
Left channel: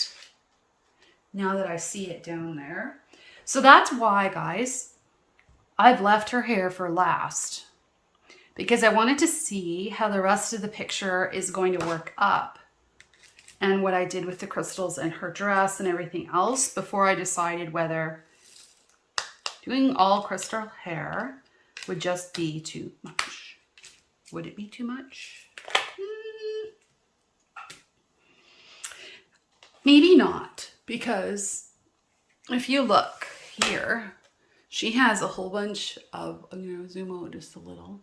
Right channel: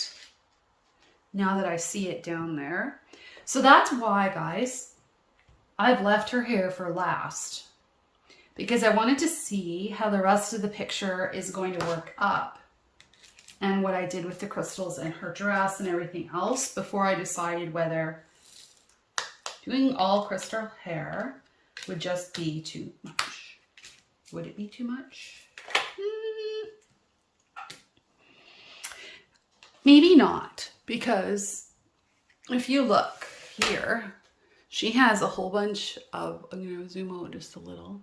now that I see it down there. So that's why, guys, I've left her hair for last. Because I wanted to see how the rest of the picture is going to work up. And what I did with the crystals and her dress and everything else before I decided whether doing all crystal hair would just be too much. Would it be too much? Maybe not, because if you look here, she has a whole bunch of, I'm going to zoom out just a little.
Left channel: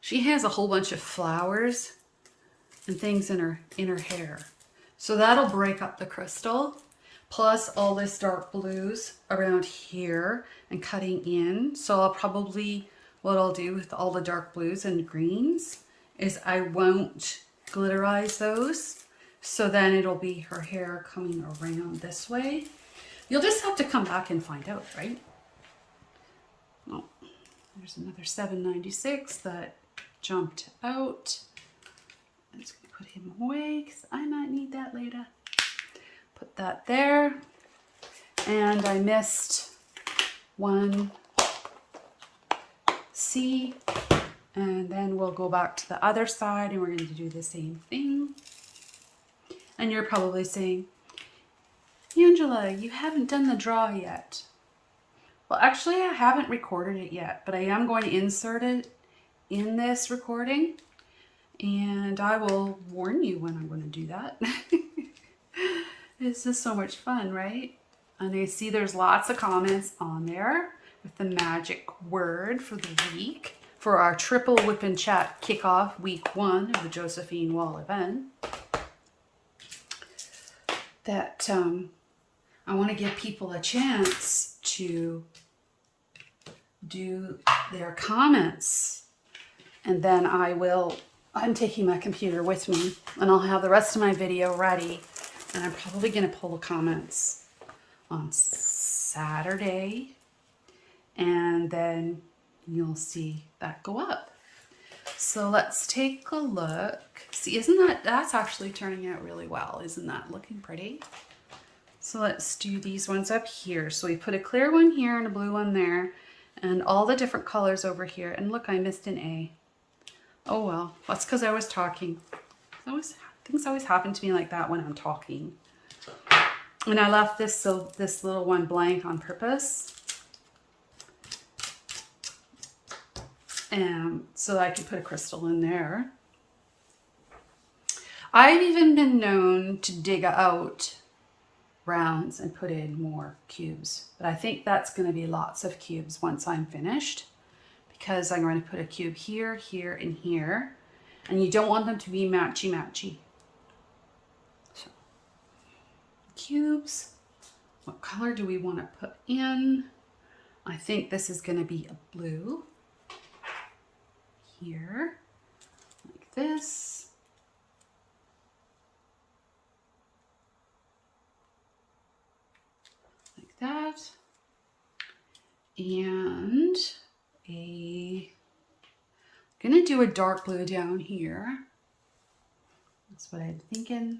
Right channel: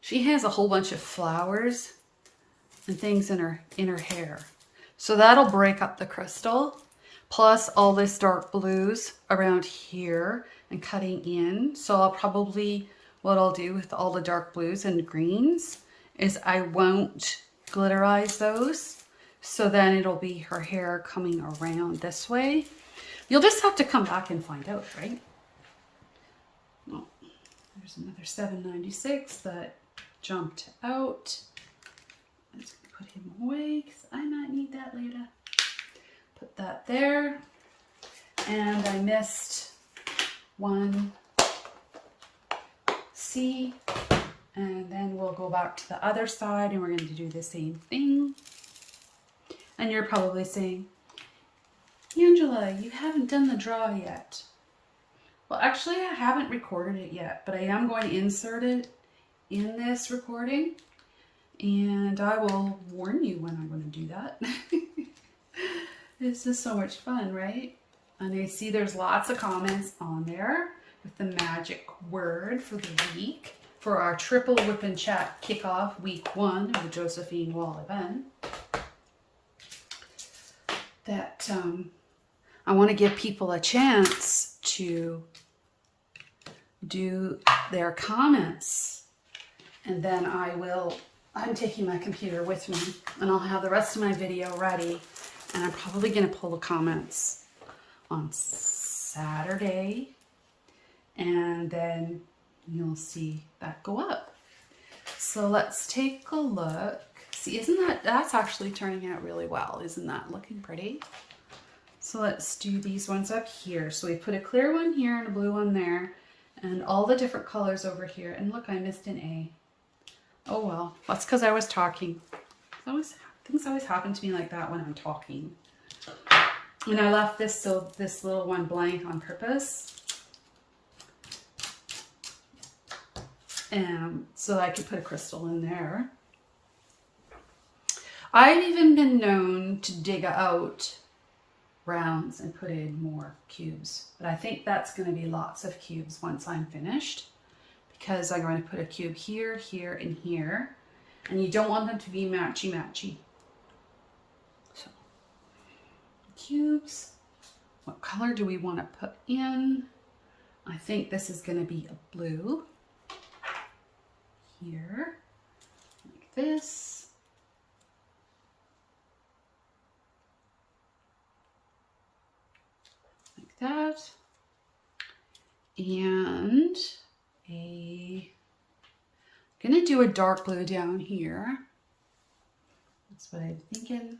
She has a whole bunch of flowers and things in her hair. So that'll break up the crystal. Plus all this dark blues around here and cutting in. So I'll probably, what I'll do with all the dark blues and greens is I won't glitterize those. So then it'll be her hair coming around this way. You'll just have to come back and find out, right? Oh, there's another 796 that jumped out. I'm just gonna put him away because I might need that later. Put that there. And I missed one C. And then we'll go back to the other side and we're going to do the same thing. And you're probably saying, Angela, you haven't done the draw yet. Well, actually, I haven't recorded it yet, but I am going to insert it in this recording. And I will warn you when I'm going to do that. This is so much fun, right? And I see there's lots of comments on there with the magic word for the week for our triple WIP N Chat kickoff week 1 of the Josephine Wall event. That I want to give people a chance to do their comments. And then I'm taking my computer with me and I'll have the rest of my video ready. And I'm probably going to pull the comments on Saturday. And then you'll see that go up. So let's take a look. See, that's actually turning out really well. Isn't that looking pretty? So let's do these ones up here. So we put a clear one here and a blue one there. And all the different colors over here. And look, I missed an A. Oh well, that's because I was talking. Things always happen to me like that when I'm talking. And I left this little one blank on purpose. And so that I could put a crystal in there. I've even been known to dig out rounds and put in more cubes. But I think that's going to be lots of cubes once I'm finished. because I'm going to put a cube here, here, and here. And you don't want them to be matchy-matchy. So, cubes. What color do we want to put in? I think this is going to be a blue. Here, like this. Like that. And I'm gonna do a dark blue down here. That's what I'm thinking.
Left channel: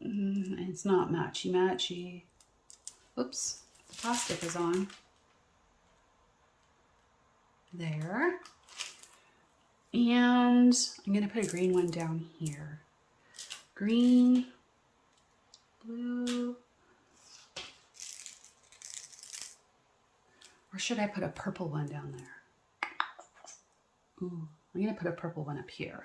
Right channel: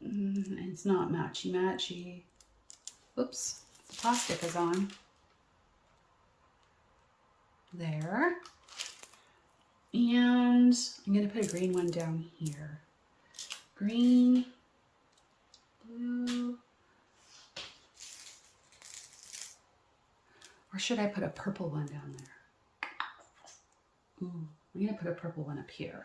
It's not matchy-matchy. Oops, the plastic is on. There. And I'm gonna put a green one down here. Green, blue. Or should I put a purple one down there? Ooh, I'm gonna put a purple one up here.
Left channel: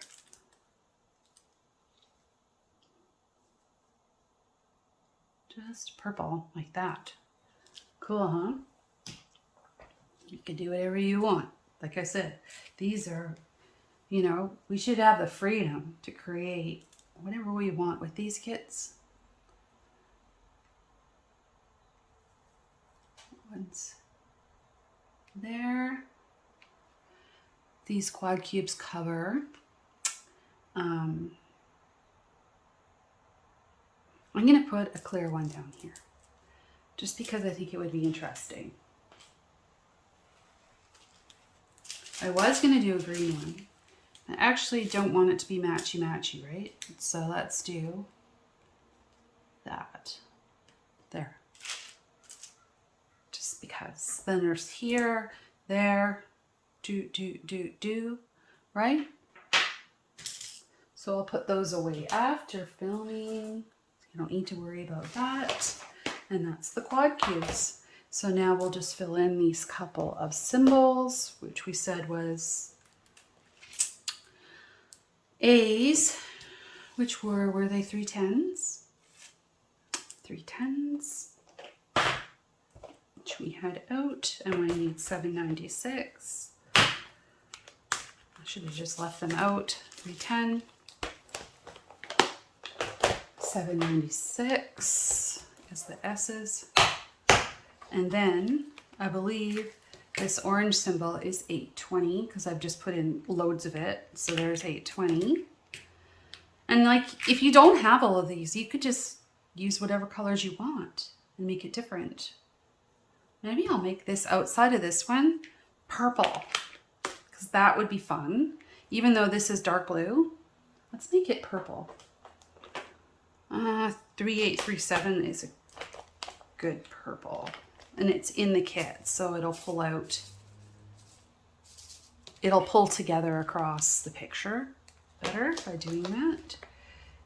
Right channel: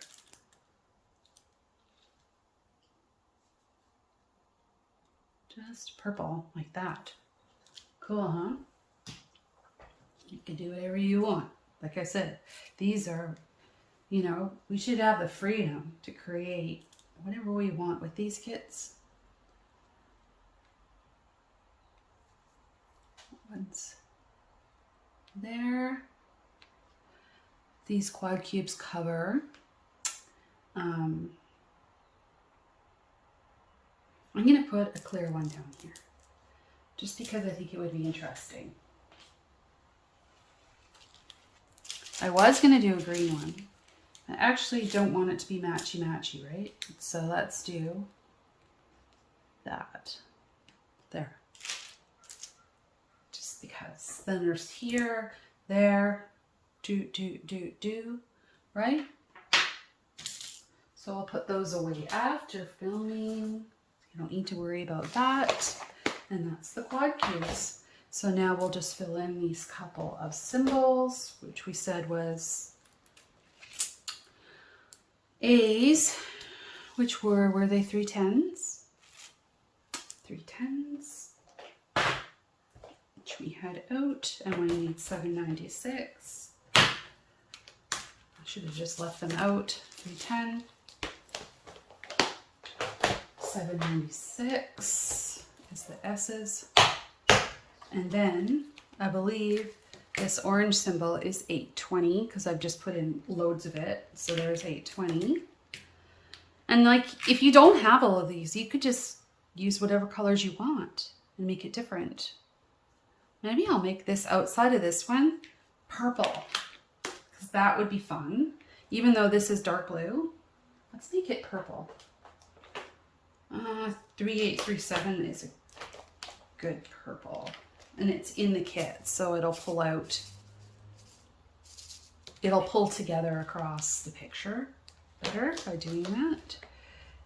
Just purple, like that. Cool, huh? You can do whatever you want. Like I said, these are, you know, we should have the freedom to create whatever we want with these kits. One's there. These quad cubes cover. I'm going to put a clear one down here, just because I think it would be interesting. I was going to do a green one. I actually don't want it to be matchy-matchy, right? So let's do that. There. Just because. Then there's here, there, do, right? So I'll put those away after filming. You don't need to worry about that. And that's the quad cubes. So now we'll just fill in these couple of symbols, which we said was A's, which were they 3 10s? 3 10s, which we had out, and we need 796. I should have just left them out. 310. 796 as the S's. And then I believe this orange symbol is 820 because I've just put in loads of it. So there's 820. And like, if you don't have all of these, you could just use whatever colors you want and make it different. Maybe I'll make this outside of this one purple because that would be fun. Even though this is dark blue, let's make it purple. 3837 is a good purple, and it's in the kit, so it'll pull out, it'll pull together across the picture better by doing that.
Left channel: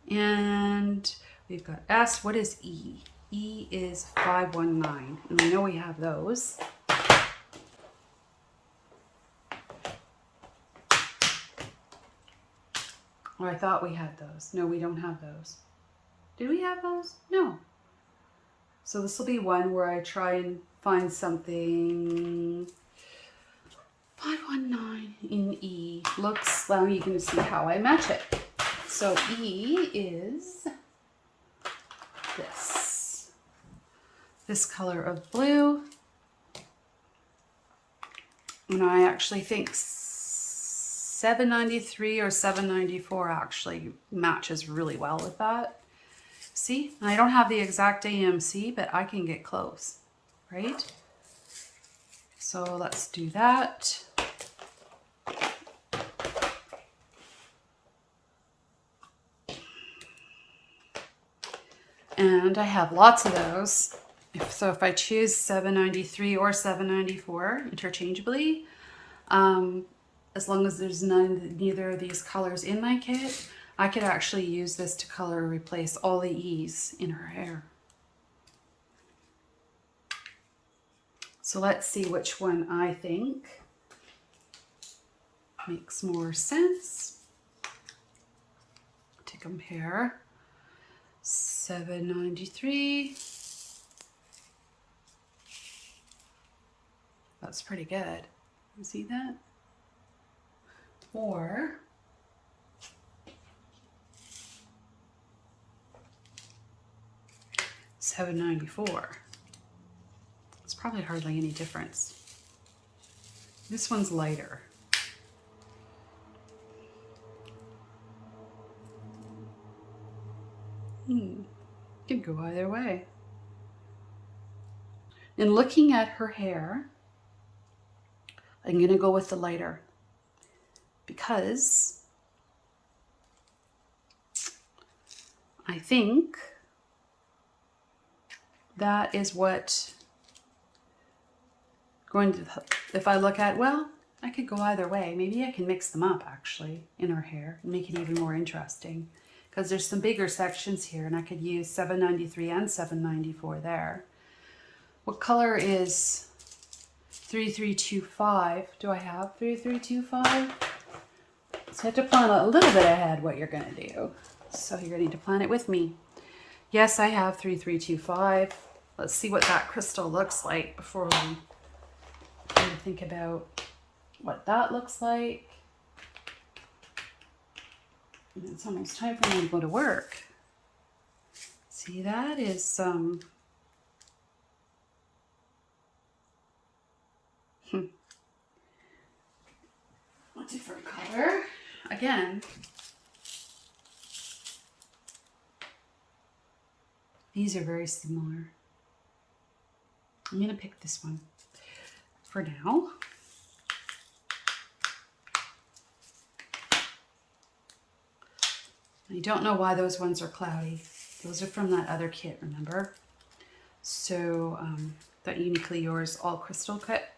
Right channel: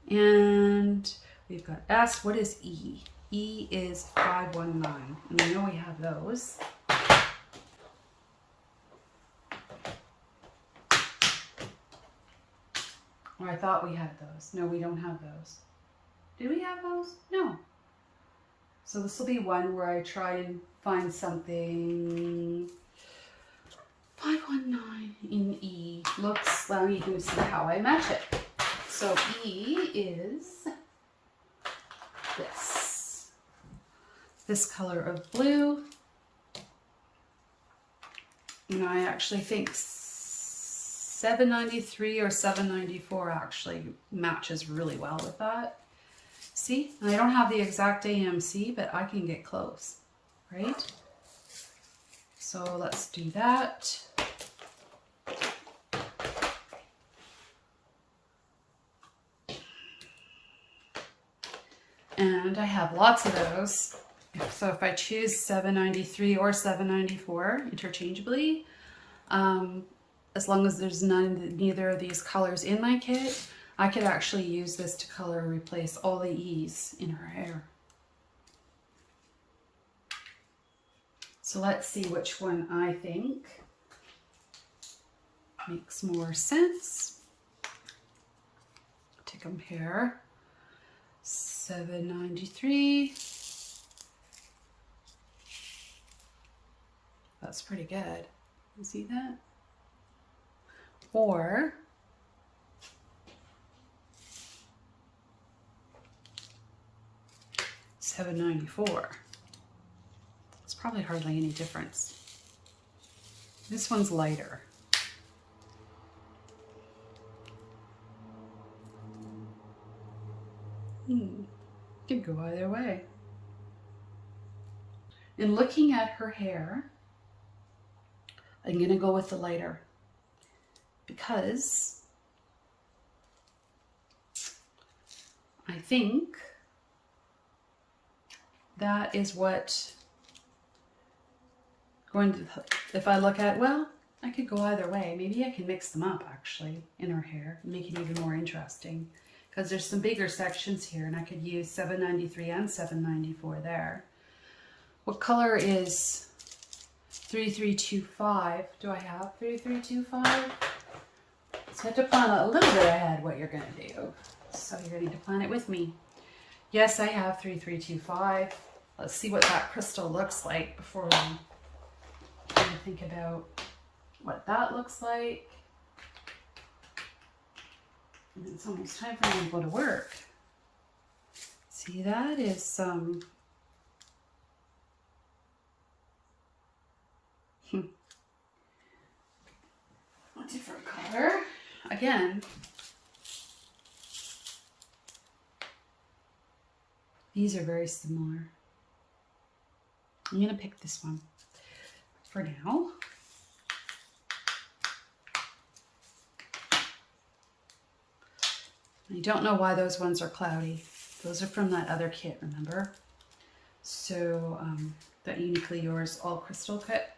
And we've got S. What is E? E is 519, and we know we have those. Or I thought we had those. No, we don't have those. Did we have those? No. So this will be one where I try and find something. 519 in E. Looks, now you can see how I match it. So E is this color of blue. And I actually think 793 or 794 actually matches really well with that. See, I don't have the exact AMC, but I can get close, right? So let's do that. And I have lots of those. So if I choose 793 or 794 interchangeably, as long as there's neither of these colors in my kit, I could actually use this to color replace all the E's in her hair. So let's see which one I think makes more sense to compare. 793. That's pretty good. You see that? Or $7.94. It's probably hardly any difference. This one's lighter. Could go either way. In looking at her hair, I'm gonna go with the lighter because I think that is what going to, if I look at, well, I could go either way. Maybe I can mix them up actually in her hair and make it even more interesting because there's some bigger sections here and I could use $7.93 and $7.94 there. What color is 3325? Do I have 3325? So I have to plan a little bit ahead what you're gonna do. So you're gonna need to plan it with me. Yes, I have 3325. Let's see what that crystal looks like before we think about what that looks like. And it's almost time for me to go to work. See, that is some a different color. Again, these are very similar. I'm gonna pick this one for now. I don't know why those ones are cloudy. Those are from that other kit, remember? So that Uniquely Yours all crystal kit.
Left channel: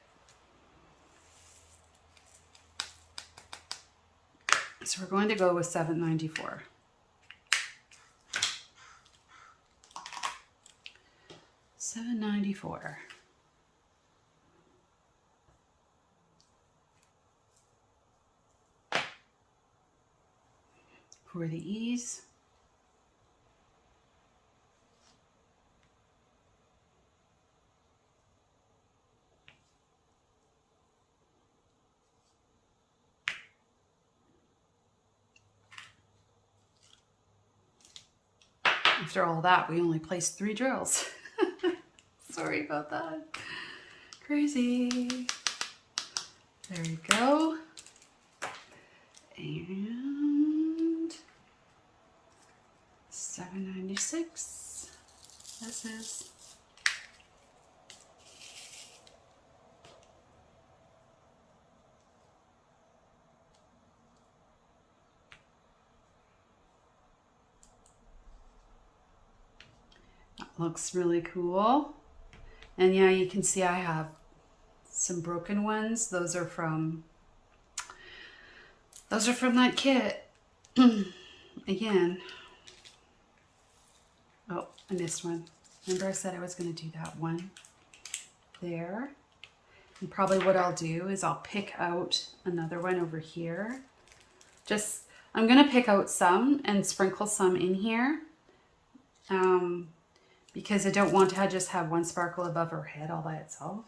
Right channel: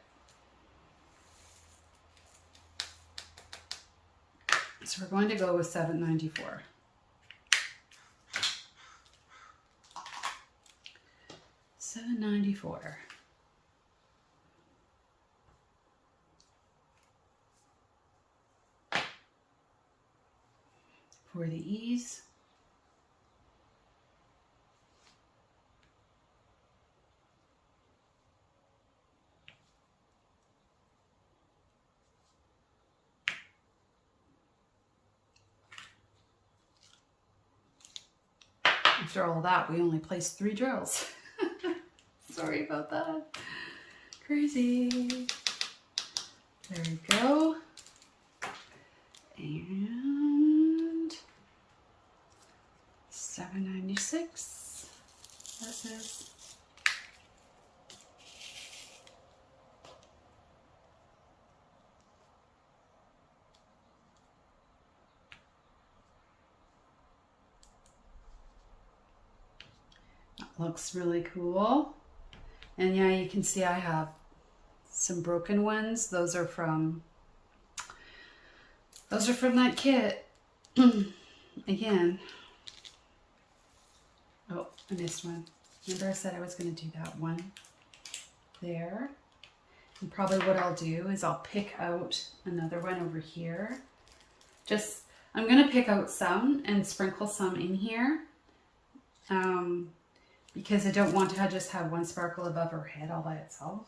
So we're going to go with $7.94. $7.94. For the ease. After all that, we only placed 3 drills. Sorry about that. Crazy. There we go. And $7.96. This is. That looks really cool. And yeah, you can see I have some broken ones. Those are from that kit. Again. Oh, I missed one. Remember I said I was going to do that one there. And probably what I'll do is I'll pick out another one over here. I'm going to pick out some and sprinkle some in here. Because I don't want to just have one sparkle above her head all by itself.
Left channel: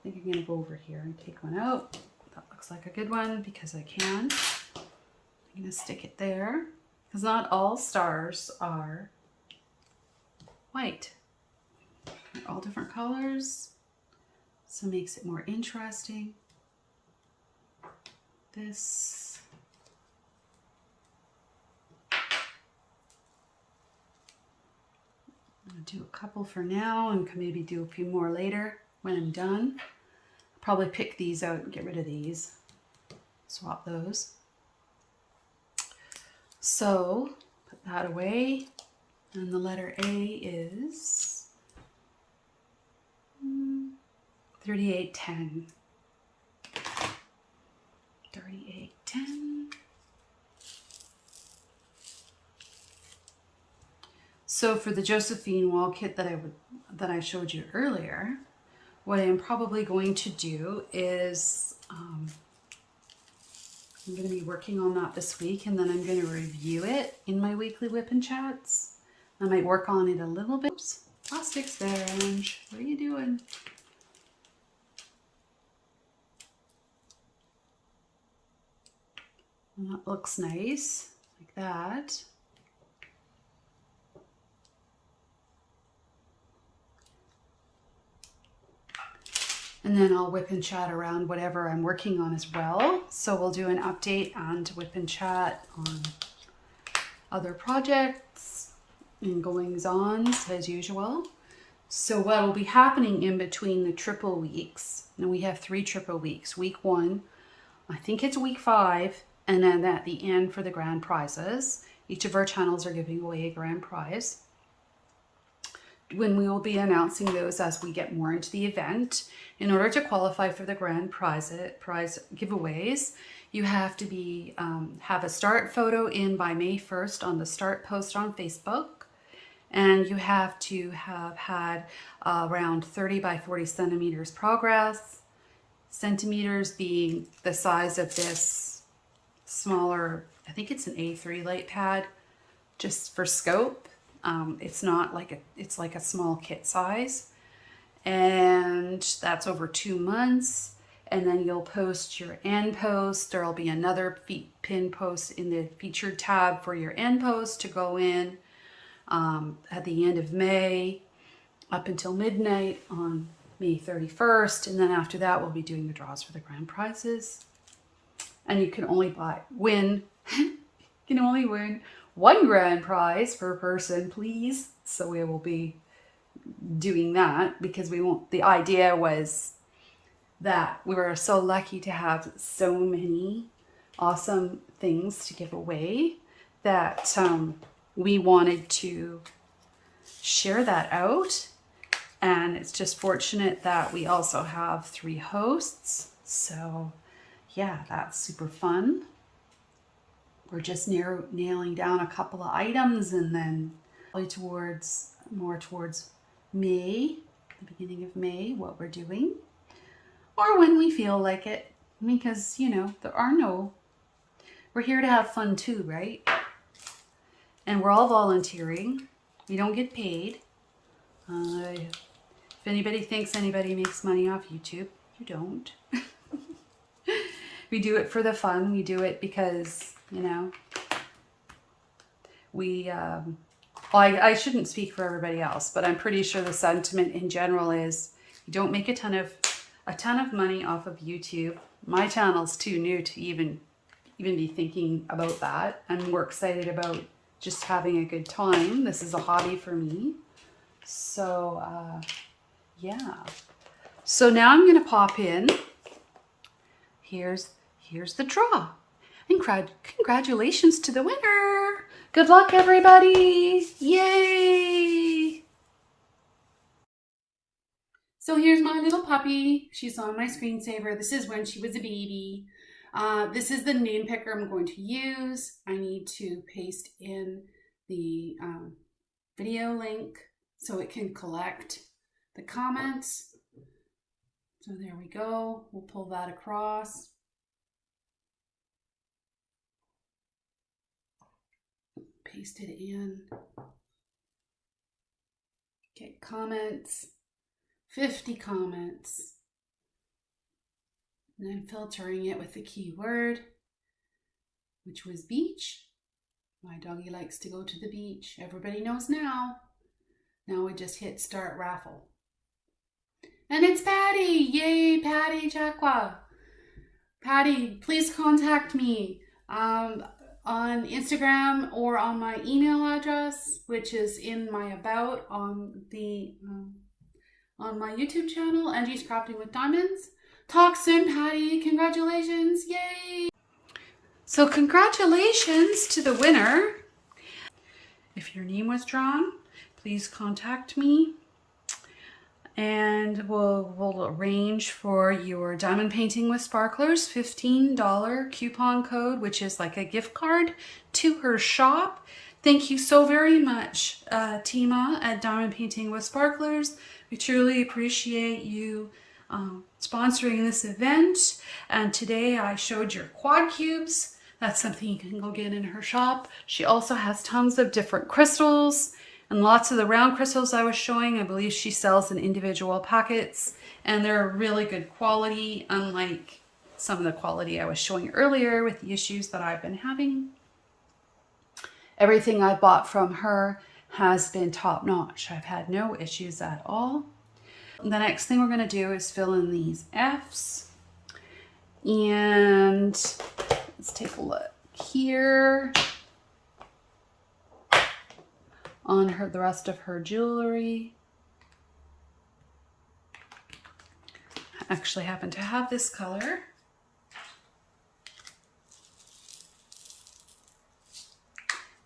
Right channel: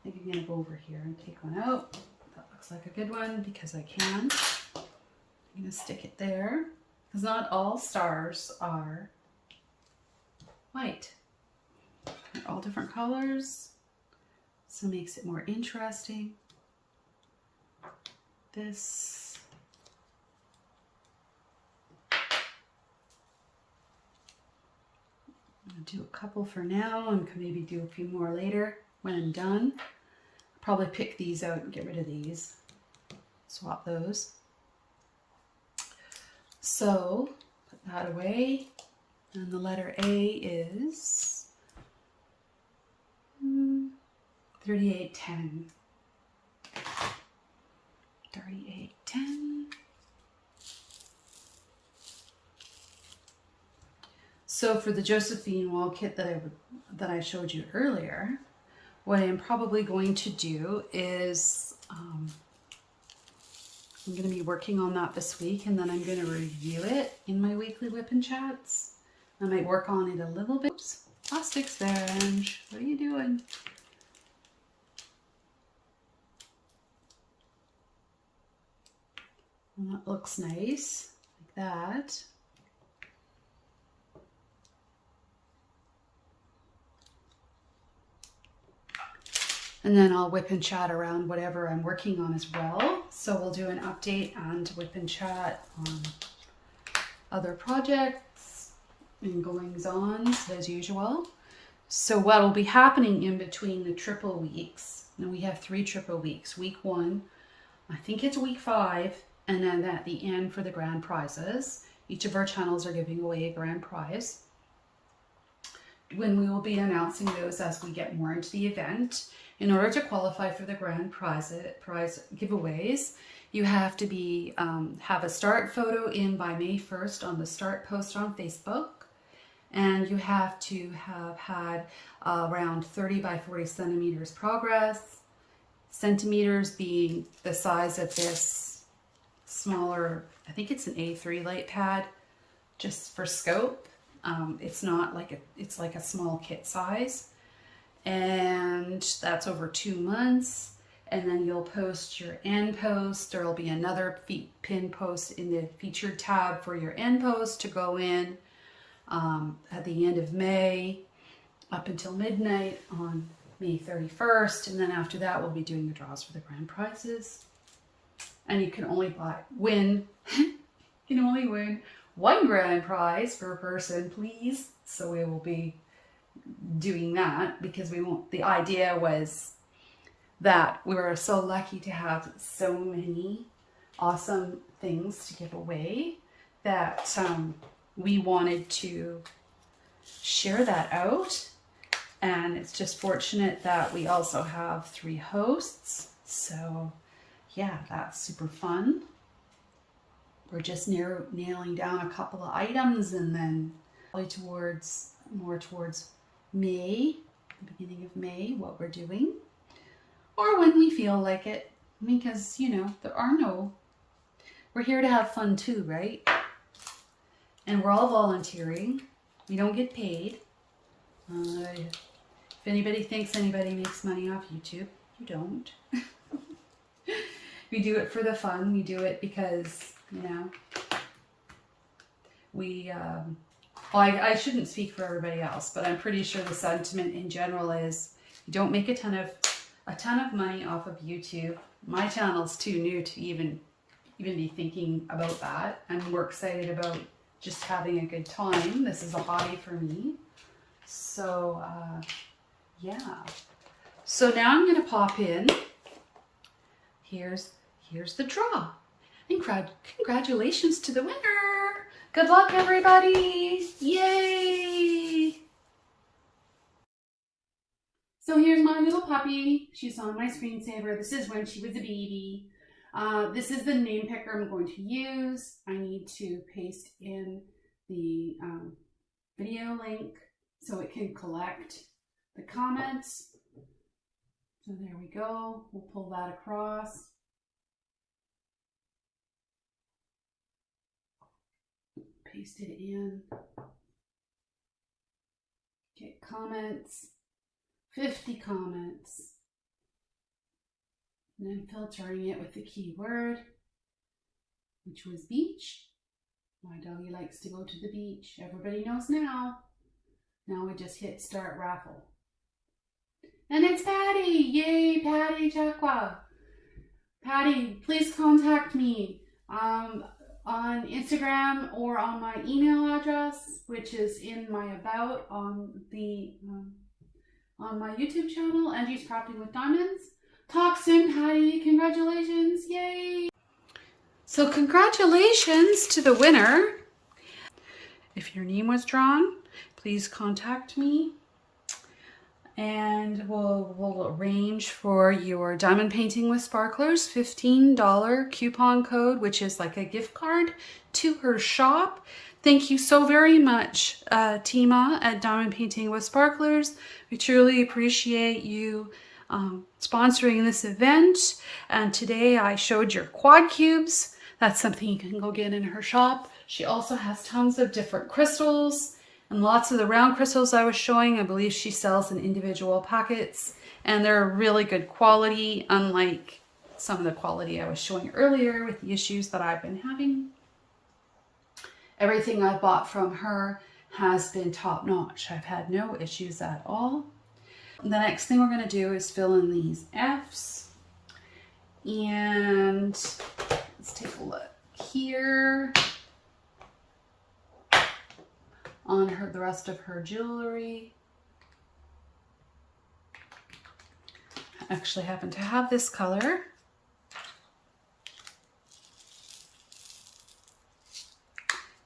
I think I'm going to go over here and take one out. That looks like a good one because I can. I'm going to stick it there. Because not all stars are white. They're all different colors. So it makes it more interesting. This. I'm going to do a couple for now and can maybe do a few more later when I'm done. I'll probably pick these out and get rid of these. Swap those. So put that away. And the letter A is 3810. 3810. So for the Josephine Wall kit that I showed you earlier, what I'm probably going to do is I'm going to be working on that this week, and then I'm going to review it in my weekly WIP N Chats. I might work on it a little bit. Oops, plastics there, Ange. What are you doing? And that looks nice, like that. And then I'll WIP and chat around whatever I'm working on as well. So we'll do an update and WIP and chat on other projects and goings-ons as usual. So what will be happening in between the triple weeks, and we have 3 triple weeks. Week 1, I think it's week 5, and then at the end for the grand prizes. Each of our channels are giving away a grand prize. When we will be announcing those as we get more into the event. In order to qualify for the grand prize giveaways, you have to be have a start photo in by May 1st on the start post on Facebook, and you have to have had around 30 by 40 centimeters progress. Centimeters being the size of this smaller, I think it's an A3 light pad, just for scope. It's not like it's like a small kit size. And that's over 2 months. And then you'll post your end post. There'll be another pin post in the featured tab for your end post to go in at the end of May up until midnight on May 31st. And then after that, we'll be doing the draws for the grand prizes. And you can only win you can only win 1 grand prize per person, please. So we will be doing that because we won't. The idea was that we were so lucky to have so many awesome things to give away that we wanted to share that out. And it's just fortunate that we also have 3 hosts. So yeah, that's super fun. We're just nailing down a couple of items, and then probably more towards May, the beginning of May, what we're doing, or when we feel like it, because you know we're here to have fun too, right? And we're all volunteering. We don't get paid. If anybody thinks anybody makes money off YouTube, you don't. We do it for the fun. We do it because we I shouldn't speak for everybody else, but I'm pretty sure the sentiment in general is you don't make a ton of money off of YouTube. My channel's too new to even be thinking about that. I'm more excited about just having a good time. This is a hobby for me. So yeah. So now I'm gonna pop in. Here's the draw. And congratulations to the winner. Good luck, everybody. Yay. So here's my little puppy. She's on my screensaver. This is when she was a baby. This is the name picker I'm going to use. I need to paste in the video link so it can collect the comments. So there we go. We'll pull that across. Paste it in. Okay, comments. 50 comments. And I'm filtering it with the keyword, which was beach. My doggy likes to go to the beach. Everybody knows now. Now we just hit start raffle. And it's Patty! Yay, Patty Chakwa! Patty, please contact me on Instagram or on my email address, which is in my about on my YouTube channel, Angie's Crafting with Diamonds. Talk soon, Patty. Congratulations. Yay! So congratulations to the winner. If your name was drawn, please contact me. And we'll arrange for your Diamond Painting with Sparklers $15 coupon code, which is like a gift card to her shop. Thank you so very much, Tima at Diamond Painting with Sparklers. We truly appreciate you sponsoring this event. And today I showed your quad cubes. That's something you can go get in her shop. She also has tons of different crystals. And lots of the round crystals I was showing, I believe she sells in individual packets. And they're really good quality, unlike some of the quality I was showing earlier with the issues that I've been having. Everything I bought from her has been top notch. I've had no issues at all. The next thing we're going to do is fill in these F's. And let's take a look here on her, the rest of her jewelry. I actually happen to have this color.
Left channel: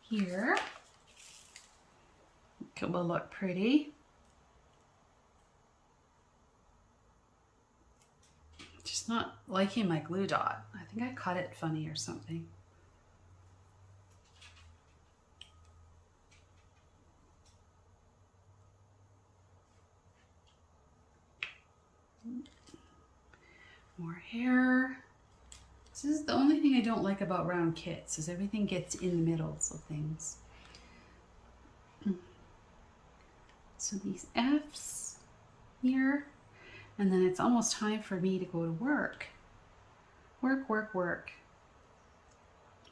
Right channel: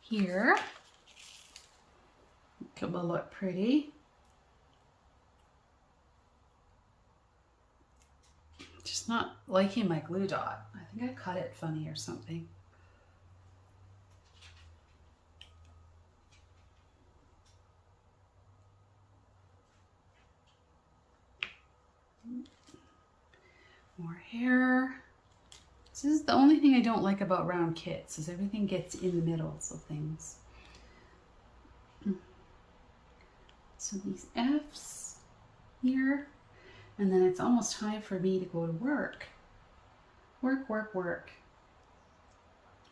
Here. It will look pretty. Just not liking my glue dot. I think I cut it funny or something. More hair. This is the only thing I don't like about round kits, is everything gets in the middles of things. So these F's here, and then it's almost time for me to go to work. Work.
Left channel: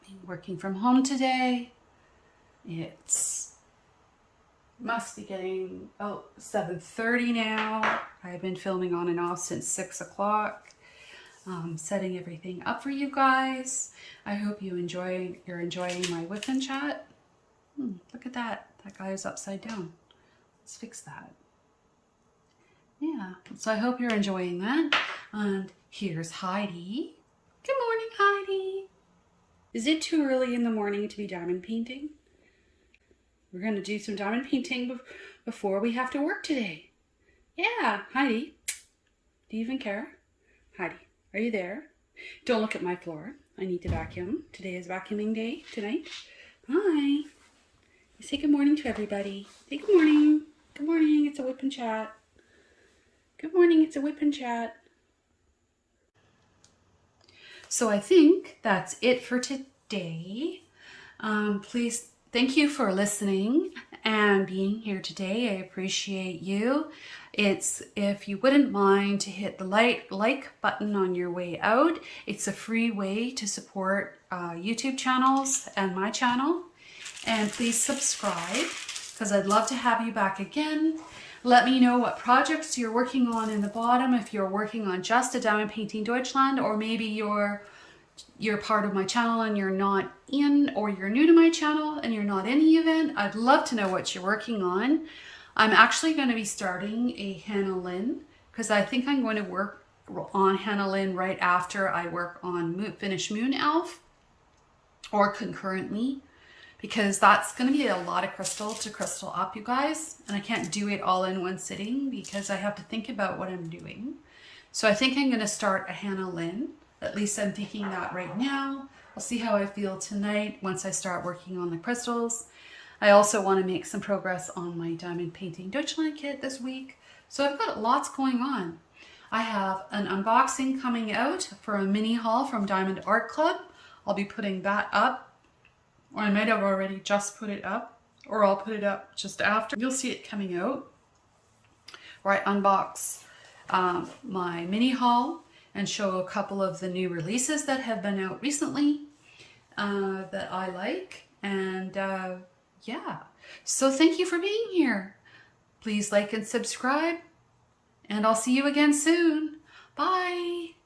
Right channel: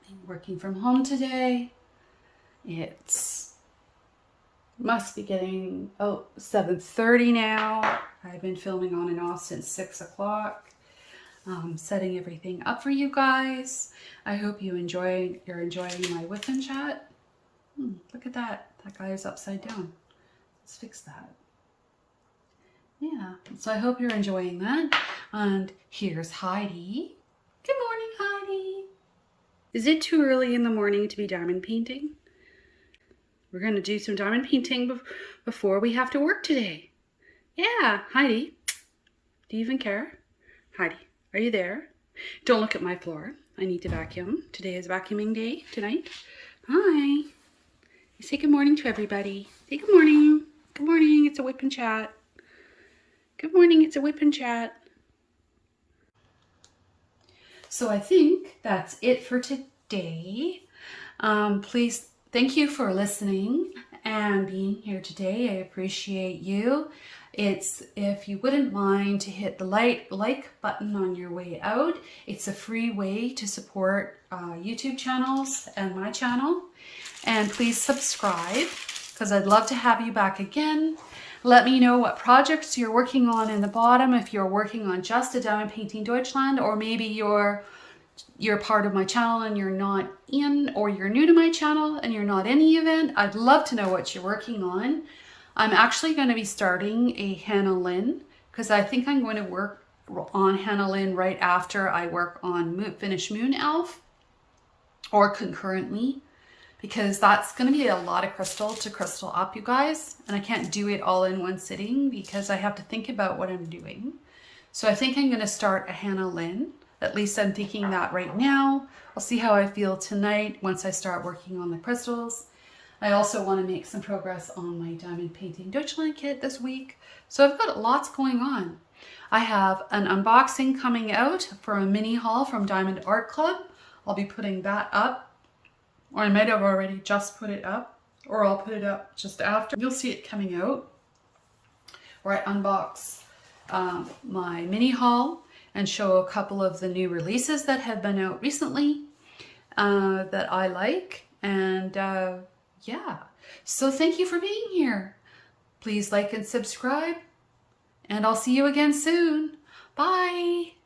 I'm working from home today. It's must be getting 7:30 now. I've been filming on and off since 6 o'clock. Setting everything up for you guys. I hope you're enjoying my WIP N Chat. Look at that. That guy is upside down. Let's fix that. Yeah, so I hope you're enjoying that. And here's Heidi. Good morning, Heidi. Is it too early in the morning to be diamond painting? We're going to do some diamond painting before we have to work today. Yeah, Heidi. Do you even care? Heidi, are you there? Don't look at my floor. I need to vacuum. Today is vacuuming day tonight. Hi. You say good morning to everybody. Say good morning. Good morning. It's a WIP N Chat. Good morning. It's a WIP N Chat. So I think that's it for today. Please, thank you for listening and being here today. I appreciate you. If you wouldn't mind to hit the like button on your way out. It's a free way to support YouTube channels and my channel. And please subscribe, because I'd love to have you back again. Let me know what projects you're working on in the bottom, if you're working on just a Diamond Painting Deutschland, or maybe you're part of my channel and you're not in, or you're new to my channel and you're not in the event. I'd love to know what you're working on. I'm actually going to be starting a Hannah Lynn, because I think I'm going to work on Hannah Lynn right after I work on Finish Moon Elf, or concurrently, because that's going to be a lot of crystal to crystal up, you guys, and I can't do it all in one sitting because I have to think about what I'm doing. So I think I'm going to start a Hannah Lynn. At least I'm thinking that right now. I'll see how I feel tonight once I start working on the crystals. I also want to make some progress on my Diamond Painting Deutschland kit this week. So I've got lots going on. I have an unboxing coming out for a mini haul from Diamond Art Club. I'll be putting that up, or I might have already just put it up, or I'll put it up just after. You'll see it coming out, where I unbox my mini haul and show a couple of the new releases that have been out recently that I like. And yeah, so thank you for being here. Please like and subscribe, and I'll see you again soon. Bye.